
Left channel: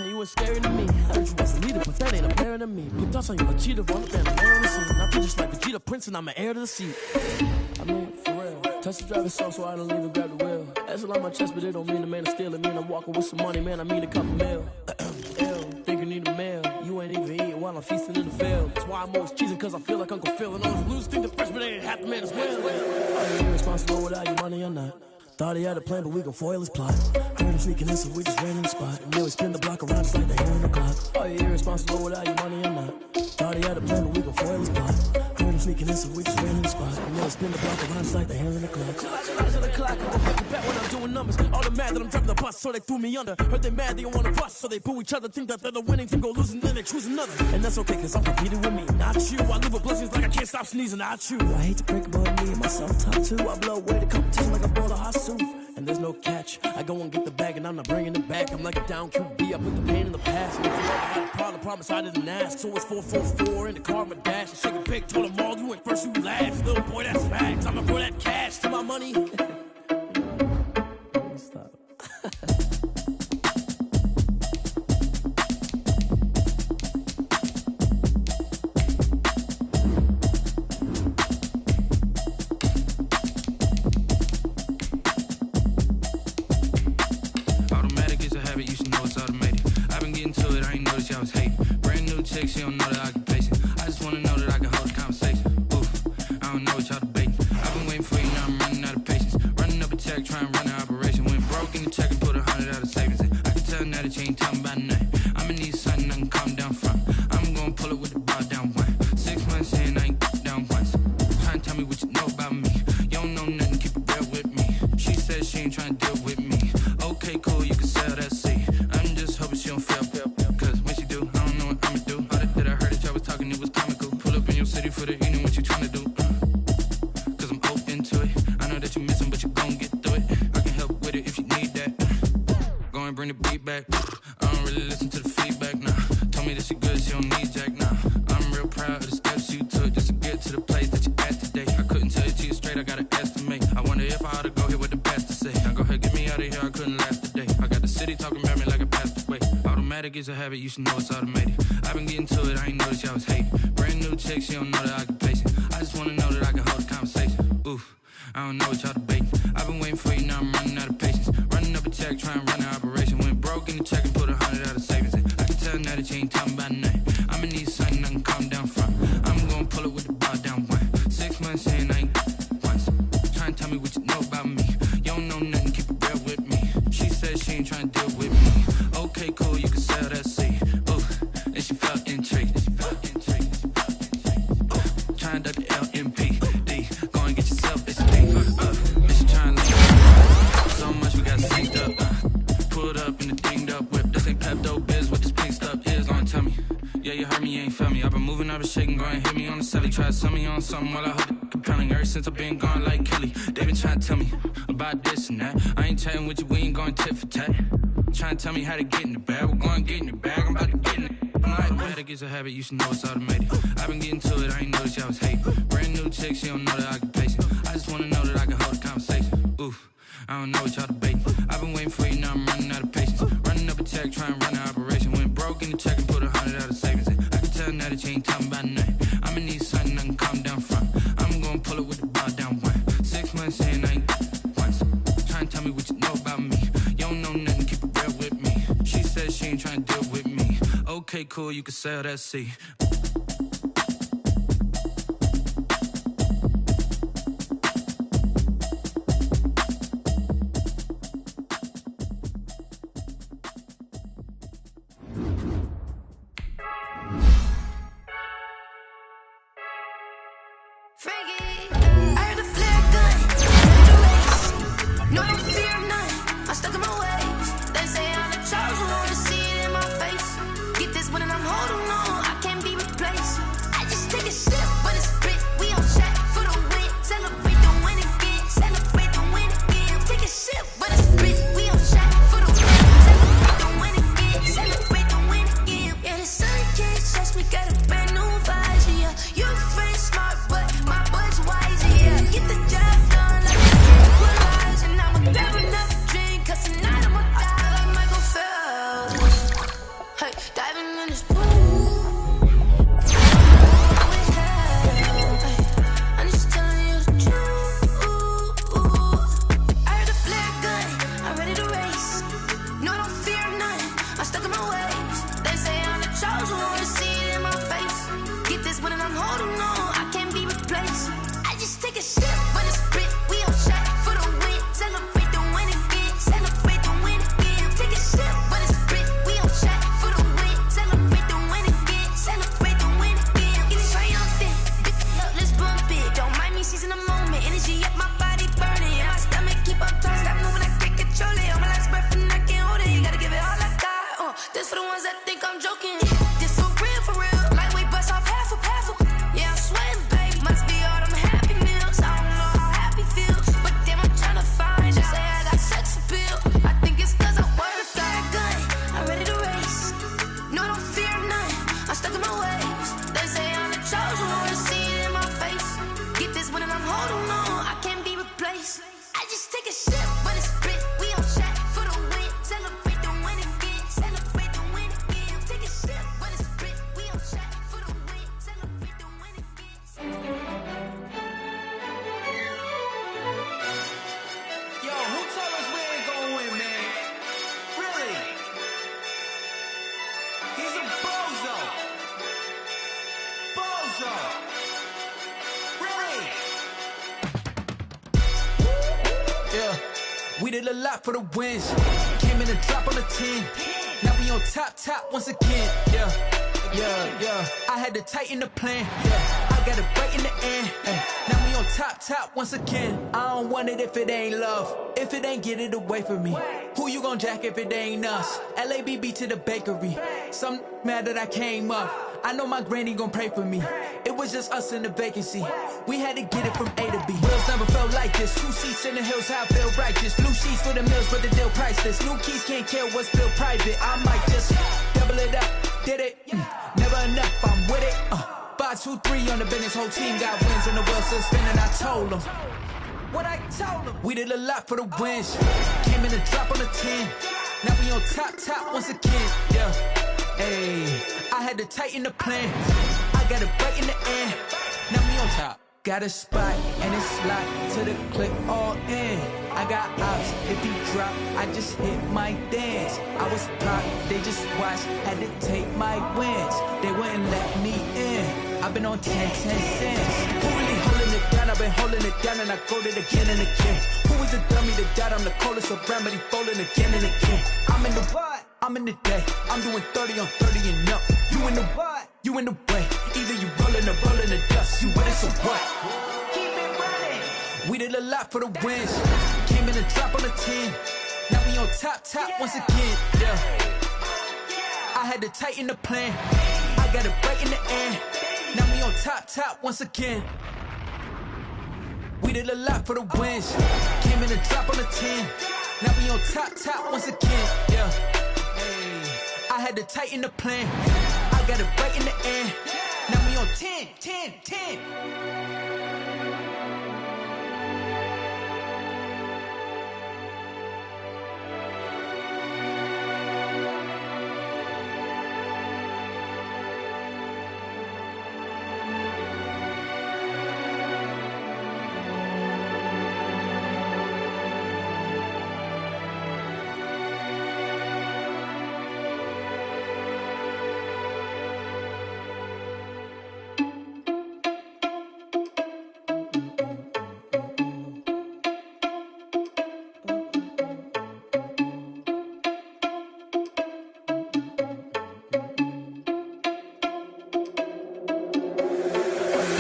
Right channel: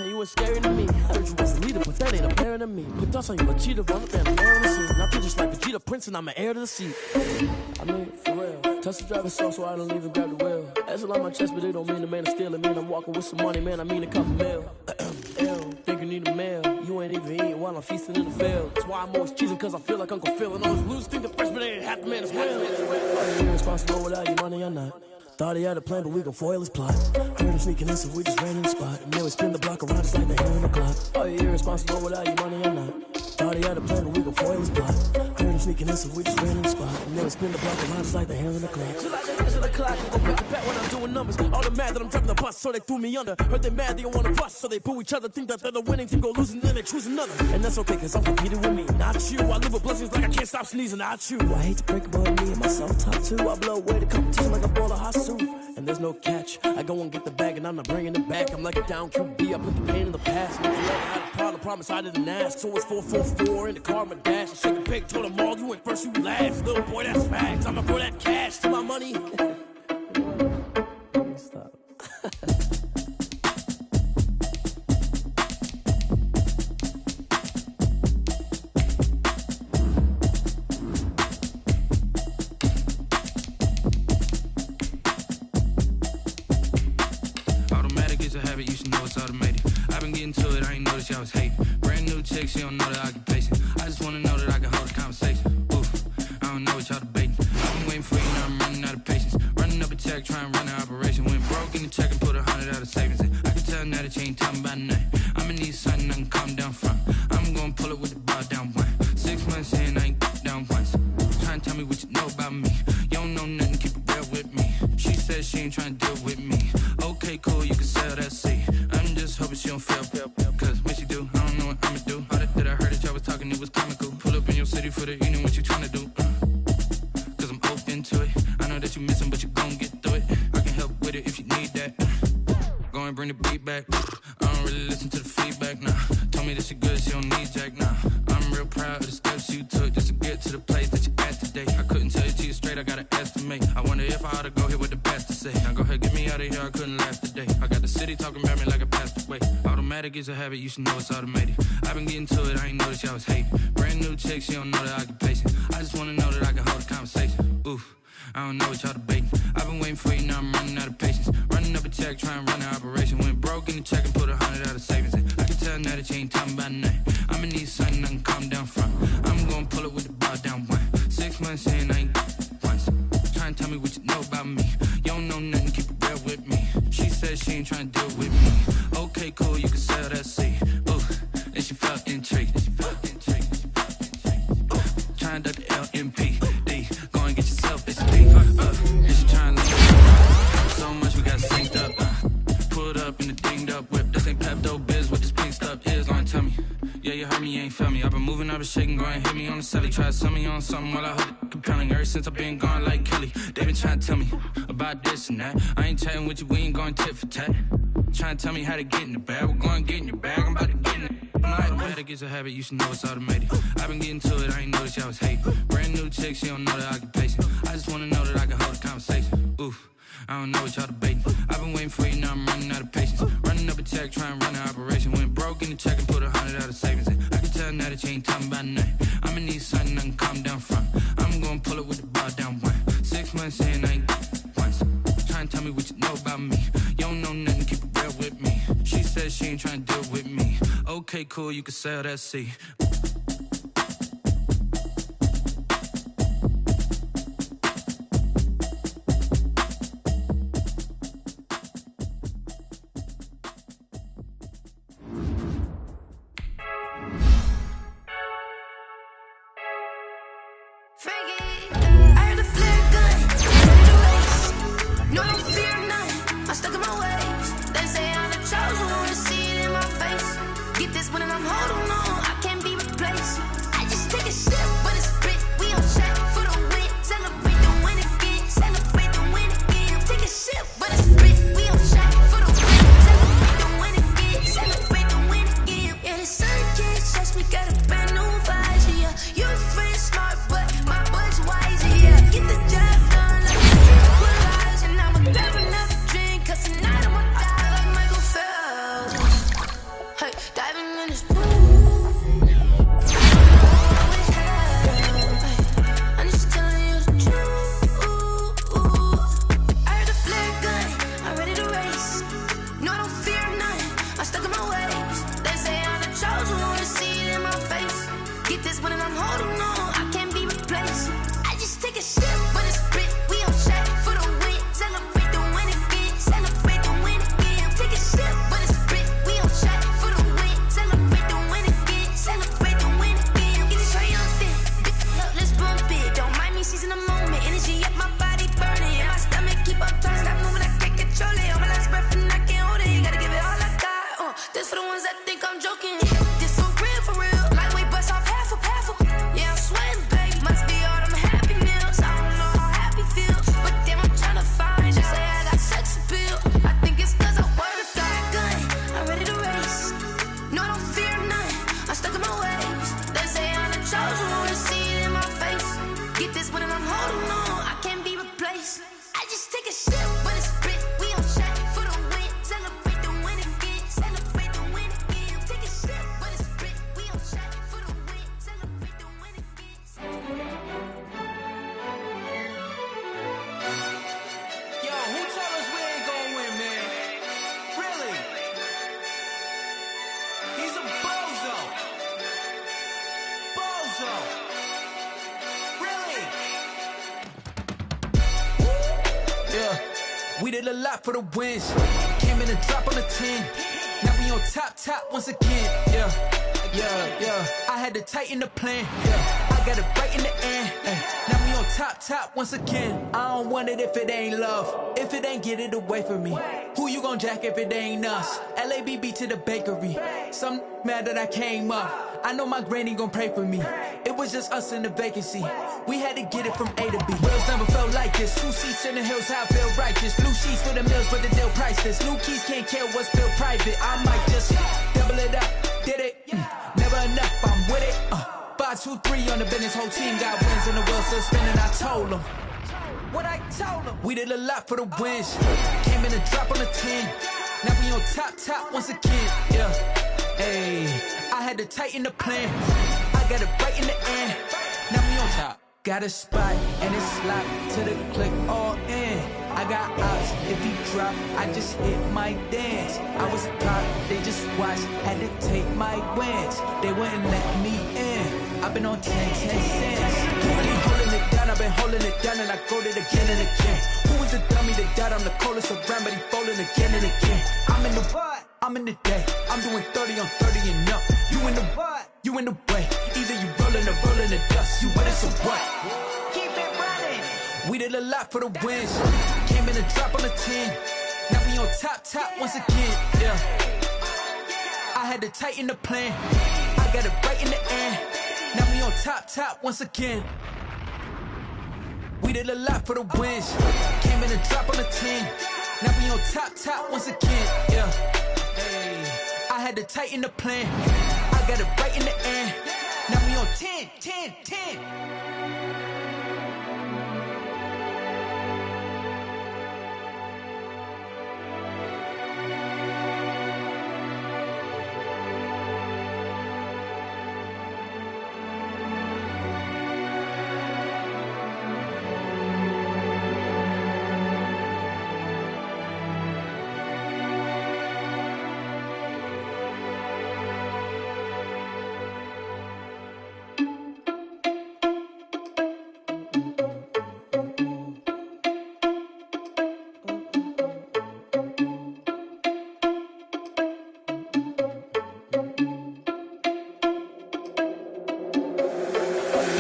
You was scary to me. Heard you was a leader, but that ain't apparent to me. Put dust on you like cheetah, run up and I'm air in the scene. I feel just like Vegeta Prince and I'm an heir to the seat. I mean, for real. Touch the driver's soft, so I don't even grab the wheel. That's on my chest, but it don't mean the man is stealing. Mean I'm walking with some money, man, I mean a couple mil. Ew, think you need a meal. You ain't even eating while I'm feasting in the field. That's why I'm always cheesing, cause I feel like Uncle Phil. And all those losers think the freshman ain't half the man as well. Are you irresponsible without your money or not? Thought he had a plan, but we gon' foil his plot. Heard him sneaking in, so we just ran in the spot. And then we spin the block around just like the hands on the clock. Are you irresponsible without your money or not? Thought he had a plan, but we gon' foil his plot. Heard him sneaking in, so we just ran in the spot. And then we spin the block around just like the hands on the clock. Just like the hands on the clock, I go back to back when I'm doing numbers. All the mad that I'm dropping the bus, so they threw me under. Heard they mad, they don't wanna bust, so they boo each other. Think that they're the winning team, go losing, then they choose another. And that's okay, cause I'm competing with me, not you. I live with blessings like I can't stop sneezing, not you. I hate to break it, but me and myself top two. I blow away the competition like a bowl of hot soup. And there's no catch. I go and get the bag and I'm not bringing it back. I'm like a down QB, I put the pain in the past. And if you ever had a problem, promise I didn't ask. So it's 444 in the car, my dash. I shake a big, told them all, you went first, you last. Little boy, that's facts. I'ma throw that cash to my money. You know what? Let me stop. You should know it's automated. I've been getting to it, I ain't noticed y'all was hating. Brand new chick, she don't know the occupation. I just wanna know that I can hold a conversation. Oof, I don't know what y'all debating. I've been waiting for you, now I'm running out of patience. Running up a check, trying to run an operation. Went broke in the check and put 100 out of savings in. I can tell now that you ain't talking about nothing. I'ma need something I can calm down from. I'm gonna pull it with the bar down one. 6 months in, I ain't down once. Trying to tell me what you know about me. You don't know nothing, keep it real with me. She said she ain't trying to deal with me. Okay, cool, you can sell that seat. I'm just hoping she don't fail. Cause when she do, I don't know what I'ma do. All that I heard that y'all was talking, it was comical. Pull up in your city for the evening, what you tryna do? Cause I'm open to it. I know that you missing, but you gon' get through it. I can help with it if you need that. Go and bring the beat back. I don't really listen to the feedback, nah. Told me that she good, she don't need jack, nah. I'm real proud of the steps you took just to get to the place that you at today. I couldn't tell you to you straight, I gotta estimate. I wonder if I ought to go here with the best to say. Now go ahead, get me out of here, I couldn't last today. I got the city talking about me like I passed away. Automatic is a habit, you should know it's automated. I've been getting to it, I ain't noticed y'all was hating. Brand new chick, she don't know the occupation. I just wanna know that I can hold a conversation. Oof, I don't know what y'all debating. I've been waiting for you, now I'm running out of patience. Running up a check, trying to run an operation. Went broke in the check and put 100 out of savings in. I can tell now that you ain't talking about nothing. I'ma need something I can calm down from. I'm gonna pull it with the bar down one. 6 months in, I ain't once. Trying to tell me what you know about me. You don't know nothing, keep it real with me. She said she ain't trying to deal with me. Okay, cool, you can sell that seat. Ooh, and she felt intrigued. Trying to duck the LMP. Go and get yourself a speed. And she trying to so much we got synced up. Pulled up in the dinged up whip. This ain't Pepto Biz, what this pink stuff is. Don't tell me. Yeah, you heard me, you ain't felt me. I've been moving, I've been shaking, go and hit me on the celly. Try to sell me on something while I hold it compelling. Ever since I've been gone like Kelly, they been trying to tell me about this and that. I ain't chatting with you, we ain't going tit for tat. Trying to tell me how to get in the bag. We're going to get in the bag, I'm about to get in it. Automatic is a habit, you should know it's automated. I've been getting to it, I ain't noticed y'all was hating. Brand new chick, she don't know the occupation. I just wanna know that I can hold a conversation. Oof, I don't know what y'all debating. I've been waiting for you, now I'm running out of patience. Running up a check, trying to run an operation. Went broke in the check and put 100 out of savings in. I can tell now that you ain't talking about nothing. I'ma need something I can calm down from. I'm gonna pull it with the bar down one. 6 months in, I ain't once. Trying to tell me what you know about me. You don't know nothing, keep it real with me. She said she ain't trying to deal with me. Okay, cool, you can sell that seat. Take a sip, but it's spit. We on track for the win. Celebrate the winning. seizing the moment, energy up my body burning. Yeah, my stomach keep up trying to stop moving, I can't control it. On my last breath and I can't hold it. You gotta give it all I got. This for the ones that think I'm joking. This for real. Lightweight bust off half a. Yeah, I'm sweating, baby. Must be all them happy meals. I don't know how happy feels, but damn, I'm trying to find. Just say I got sex appeal. I think it's 'cause I work. Got a gun, I'm ready to race. No, I don't fear none. I'm stuck in my ways. They say I'm the chosen one. See it in my face. Get this one and I'm holding on. I can't be replaced. I just take a sip, but it's spit. We on track for the win. Celebrate the win again. Celebrate the win again. Take a sip, but it's spit. We on track for the win. Celebrate the win again. Yo, who told us we ain't gonna win, man? Really? He's a bozo. Bozo. Really? Yeah, we did a lot for the wins. Came in and drop on the 10. Now we on top once again. Yeah. I had to tighten the plan. Yeah, I got it right in the end. Now we on top once again. I don't want it if it ain't love. If it ain't, get it away from me. Who you gon' jack if it ain't us? LABB to the bakery. Some mad that I came up. I know my granny gon' pray for me. It was just us in the vacancy. We had to get it from A to B. Wheels never felt like this. 2 seats in the hills, how I feel righteous. Blue sheets for the mills, but the deal priceless. New keys can't care what's still private. I might just double it up. Did it? Never enough, I'm with it. 5, 2, 3 on the business. Whole team got wins and the wheels still spinning. I told them what I told them. We did a lot for the wins. Came in and drop on the 10. Now we on top once again. Yeah. Hey, I had to tighten the plan. I got it right in the end. Now we on top. Got a spot and it's locked to the click all in. I got ops, if he drop, I just hit my dance. I was pop, they just watched, had to take my wins. They wouldn't let me in. I've been on 10 cents. Who really holding it down? I've been holding it down and I go it again and again. Who was the dummy that died? I'm the coldest around, but he folding again and again. I'm in the what? I'm in the day. I'm doing 30 on 30 and up. You in the what? You in the way. Either you rolling or rolling the dust. You with us or what? Keep it running. We did a lot for the wins. Came in and drop on the 10. Now we on top once again. Yeah. I had to tighten the plan. I got it right in the end. Now we on top once again. We did a lot for the wins. Came in and drop on the 10. Now we on top once again. Yeah. Hey, I had to tighten the plan. I got it right in the end. Now we on 10.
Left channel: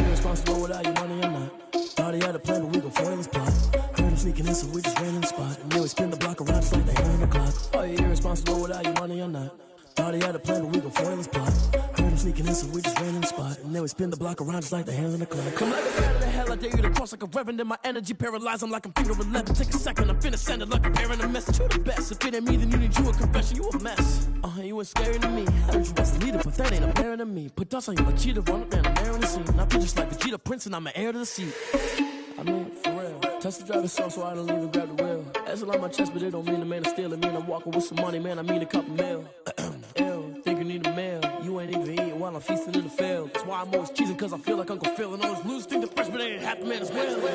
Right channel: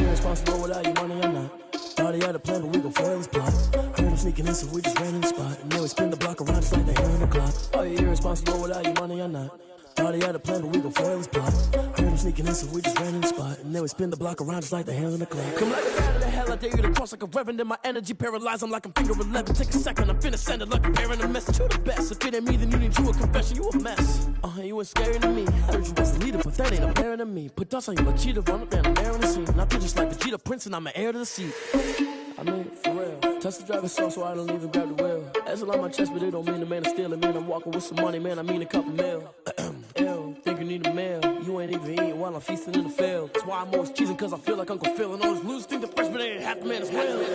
Responsible without your money or not. Thought he had a plan, but we gon' foil his plot. Heard him sneaking in, so we just ran in the spot. And then we spin the block around just like the hell on the clock. Are you irresponsible without your money or not? Thought he had a plan, but we gon' foil his plot. Heard him sneaking in, so we just ran in the spot. And then we spin the block around just like the hands on the clock. Come like a bat of the hell, I dare you to cross like a reverend. And my energy paralyzed, I'm like I'm finger 11. Take a second, I'm finna send it like a parent a message. You the best, if it ain't me, then you need you a confession. You a mess, you ain't scary to me. Heard you was a leader, but that ain't apparent to me. Put dust on you like cheetah, run up and I'm airing the scene. I feel just like Vegeta Prince and I'm an heir to the seat. I mean, for real. Touch the driver's soft so I don't even grab the wheel. That's on my chest, but it don't mean the man is stealing. Man, I'm walking with some money, man, I mean a couple mil. Ew, think you need a meal. You ain't even eating while I'm feasting in the field. That's why I'm always cheesing, cause I feel like Uncle Phil. And all those losers think the freshman ain't half the man as well.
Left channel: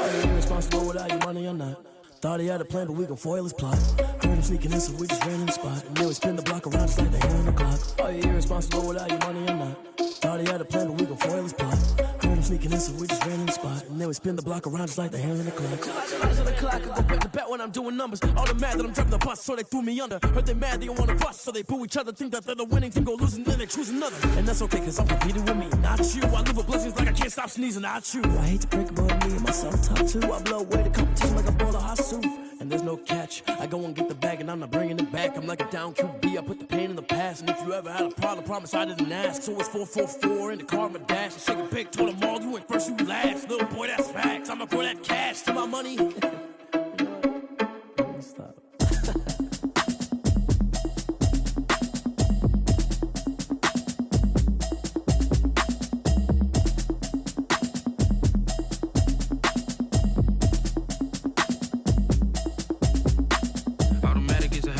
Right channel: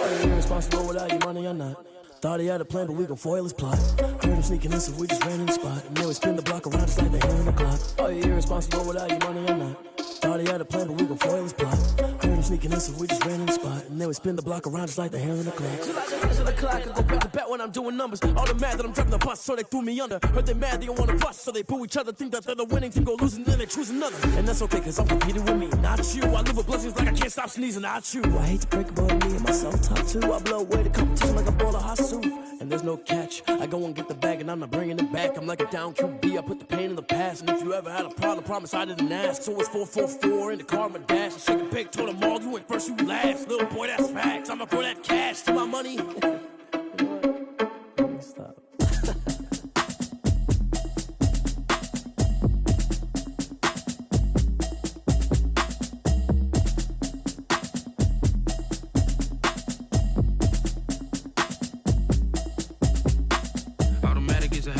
Are you irresponsible without your money or not? Thought he had a plan, but we gon' foil his plot. Heard him sneaking in, so we just ran in the spot. And then we spin the block around just like the hell on the clock. Are you irresponsible without your money or not? Thought he had a plan, but we gon' foil his plot. Heard him sneaking in, so we just ran in the spot. And then we spin the block around just like the hands on the clock. Just like the hands on the clock, I go back to back when I'm doing numbers. All the mad that I'm driving the bus, so they threw me under. Heard they mad, they don't wanna bust, so they boo each other. Think that they're the winning team, go losing, then they choose another. And that's okay, cause I'm competing with me, not you. I live with blessings like I can't stop sneezing, not you. I hate to break about me and my self-talk too. I blow away the competition like a bowl of hot soup. And there's no catch, I go and get the bag and I'm not bringing it back. I'm like a down QB, I put the pain in the past. And if you ever had a problem, promise I didn't ask. So it's 444 in the car, my dash. I shake a big, told them all, you ain't first, you last. Little boy, that's facts, I'ma throw that cash to my money. You know what? Let me stop.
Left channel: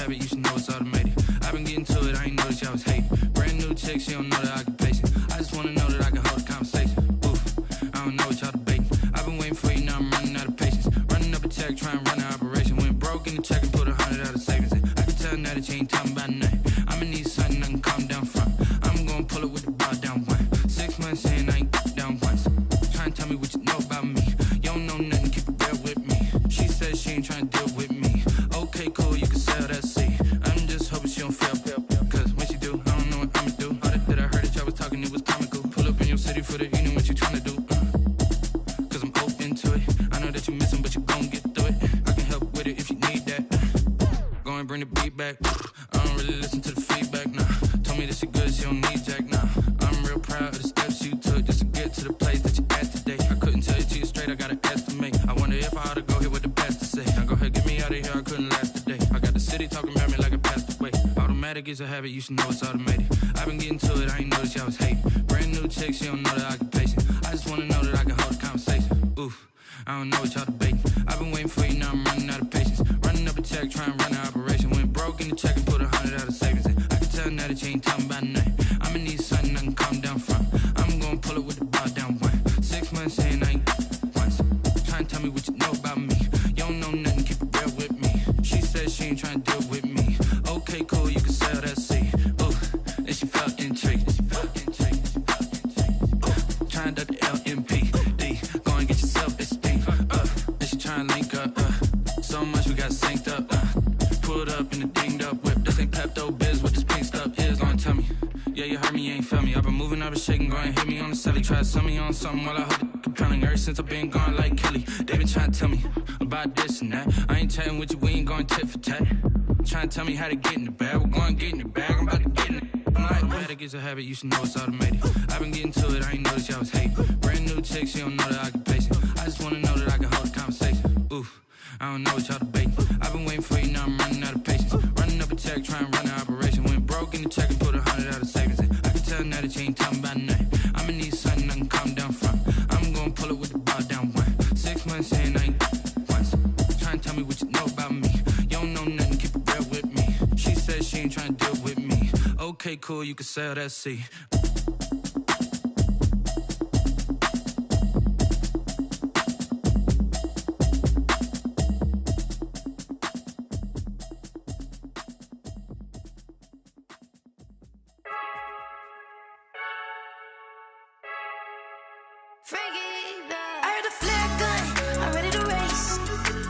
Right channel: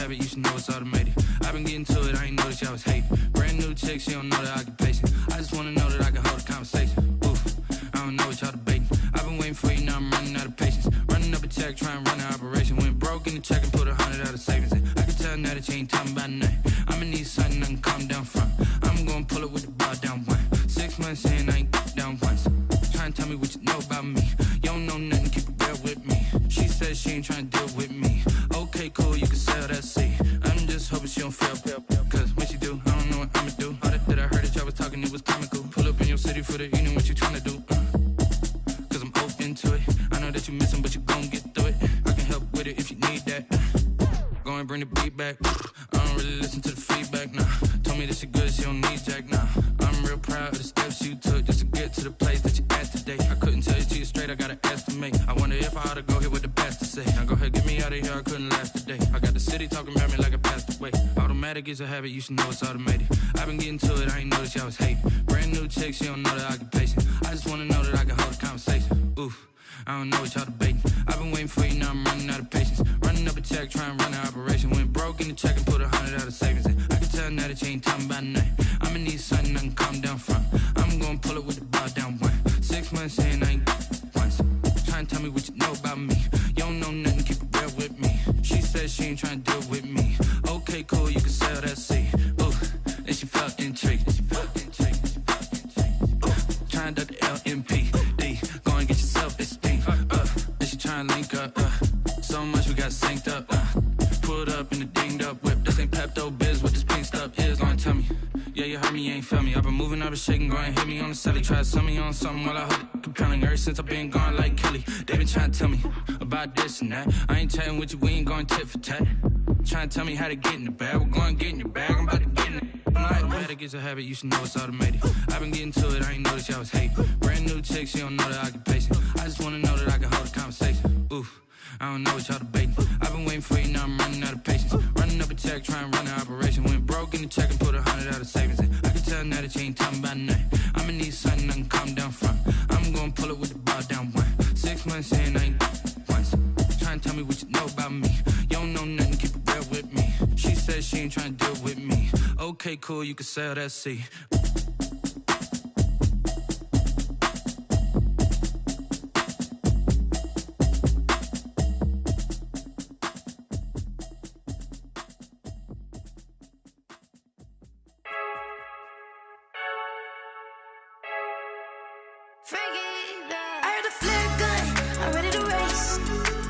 You should know it's automated. I've been getting to it, I ain't noticed y'all was hating. Brand new chick, she don't know the occupation. I just wanna know that I can hold a conversation. Oof, I don't know what y'all debating. I've been waiting for you, now I'm running out of patience. Running up a check, trying to run an operation. Went broke in the check and put 100 out of savings in. I can tell now that you ain't talking about nothing. I'ma need something I can calm down from. I'm gonna pull it with the bar down one. 6 months in, I ain't down once. Trying to tell me what you know about me. You don't know nothing, keep it real with me. She said she ain't trying to deal with me. Okay, cool, you can sell that seat. I'm just hoping she don't fail. Cause when she do, I don't know what I'ma do. All that I heard that y'all was talking, it was comical. Pull up in your city for the evening, what you trying to do? Cause I'm open to it. I know that you missing, but you gon' get through it. I can help with it if you need that. Go and bring the beat back. I don't really listen to the feedback, nah. Told me that she good, she don't need jack, nah. I'm real proud of the steps you took just to get to the place that you at today. I couldn't tell you to you straight, I gotta estimate. I wonder if I ought to go here with the best to say. Now go ahead, get me out of here, I couldn't last today. I got the city talking about me like I passed away. Automatic is a habit, you should know it's automated. I've been getting to it, I ain't noticed y'all was hating. Brand new chick, she don't know the occupation. I just wanna know that I can hold a conversation. Oof, I don't know what y'all debating. I've been waiting for you, now I'm running out of patience. Running up a check, trying to run an operation. Went broke in the check and put 100 out of savings in. I can tell now that you ain't talking about nothing. I'ma need something I can calm down from. I'm gonna pull it with the bar down one. 6 months in, I ain't once. Trying to tell me what you know about me. You don't know nothing, keep it real with me. She said she ain't trying to deal with me. Okay, cool, you can sell that seat. Ooh, and she felt intrigued. Trying to the LMPD. Go and get yourself a speed. And she trying to link up. So much we got synced up. Pulled up in the dinged up whip. This ain't Pepto Biz, what this pink stuff is. Gonna tell me. Yeah, you heard me, you ain't felt me. I've been moving, I've been shaking, go and hit me on the celly. Try to sell me on something while I hold it compelling. Ever since I've been gone like Kelly. They been trying to tell me about this and that. I ain't chatting with you, we ain't going tit for tat. Trying to tell me how to get in the bag. We're going to get in the bag, I'm about to get in it. Automatic is a habit, you should know it's automated. I've been getting to it, I ain't noticed y'all was hating. Brand new chick, she don't know the occupation. I just wanna know that I can hold a conversation. Oof, I don't know what y'all debating. I've been waiting for you, now I'm running out of patience. Running up a check, trying to run an operation. Went broke in the check and put 100 out of savings in. I can tell now that you ain't talking about nothing. I'ma need something I can calm down from. I'm gonna pull it with the bar down one. 6 months in, I ain't once. Trying to tell me what you know about me. You don't know nothing, keep it real with me. She said she ain't trying to deal with me. Okay, cool, you can sell that seat. I heard a flare gun, I'm ready to race.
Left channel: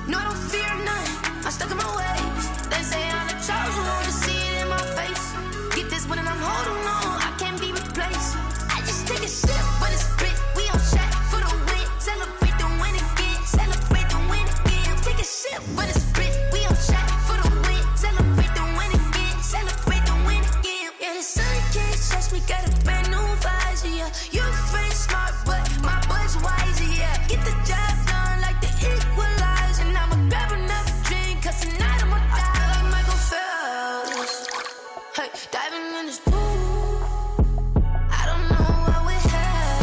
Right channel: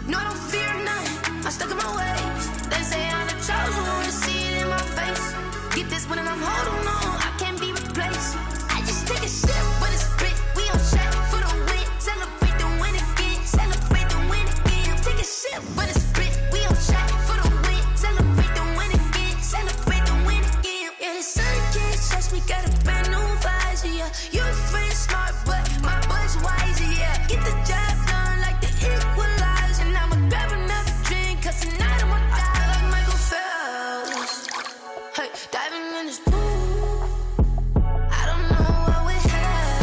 No, I don't fear none, I'm stuck in my ways. They say I'm the chosen one, see it in my face. Get this one and I'm holding on, I can't be replaced. I just take a sip, but it's split. We on track for the win. Celebrate the win again, celebrate the win again. Take a sip, but it's split. We on track for the win. Celebrate the win again, celebrate the win again. Yeah, the sun can't touch me, got a brand new visor, yeah. Your friend smart, but my bud's wiser, yeah. Get the job done like the equalizer. And I'ma grab another drink, cause tonight I'ma die like Michael Phelps. Hey, diving in this pool, I don't know what we have.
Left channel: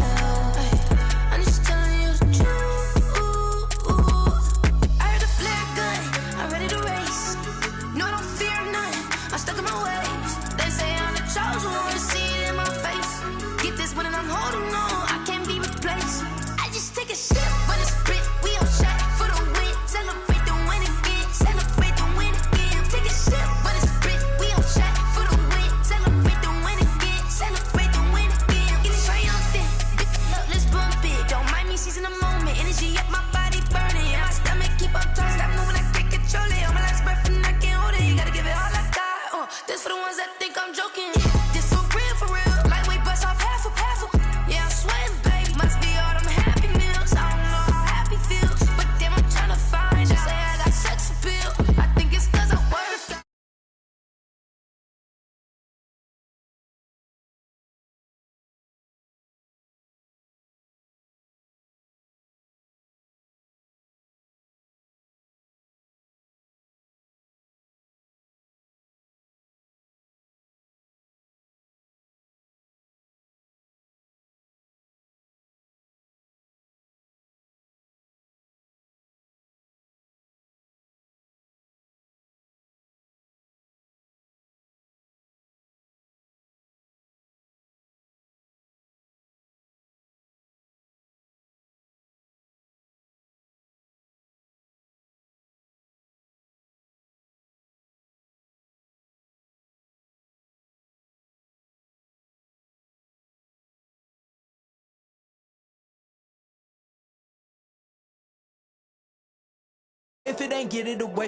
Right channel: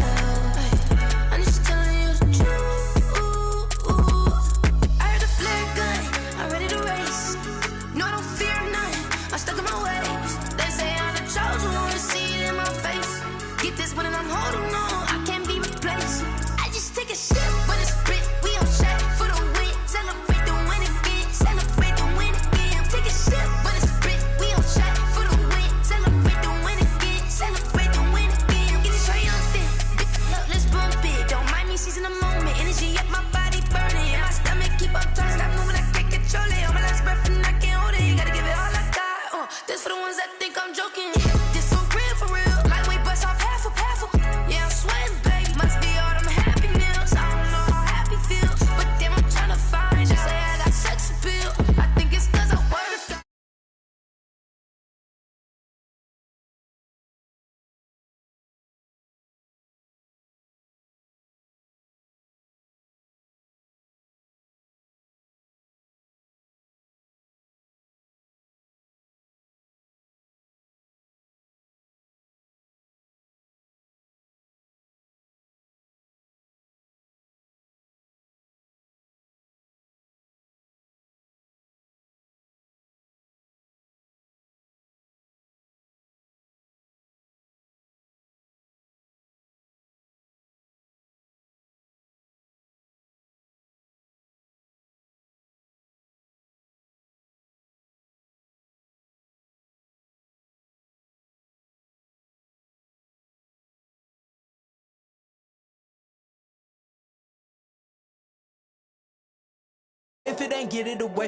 If it ain't get it away.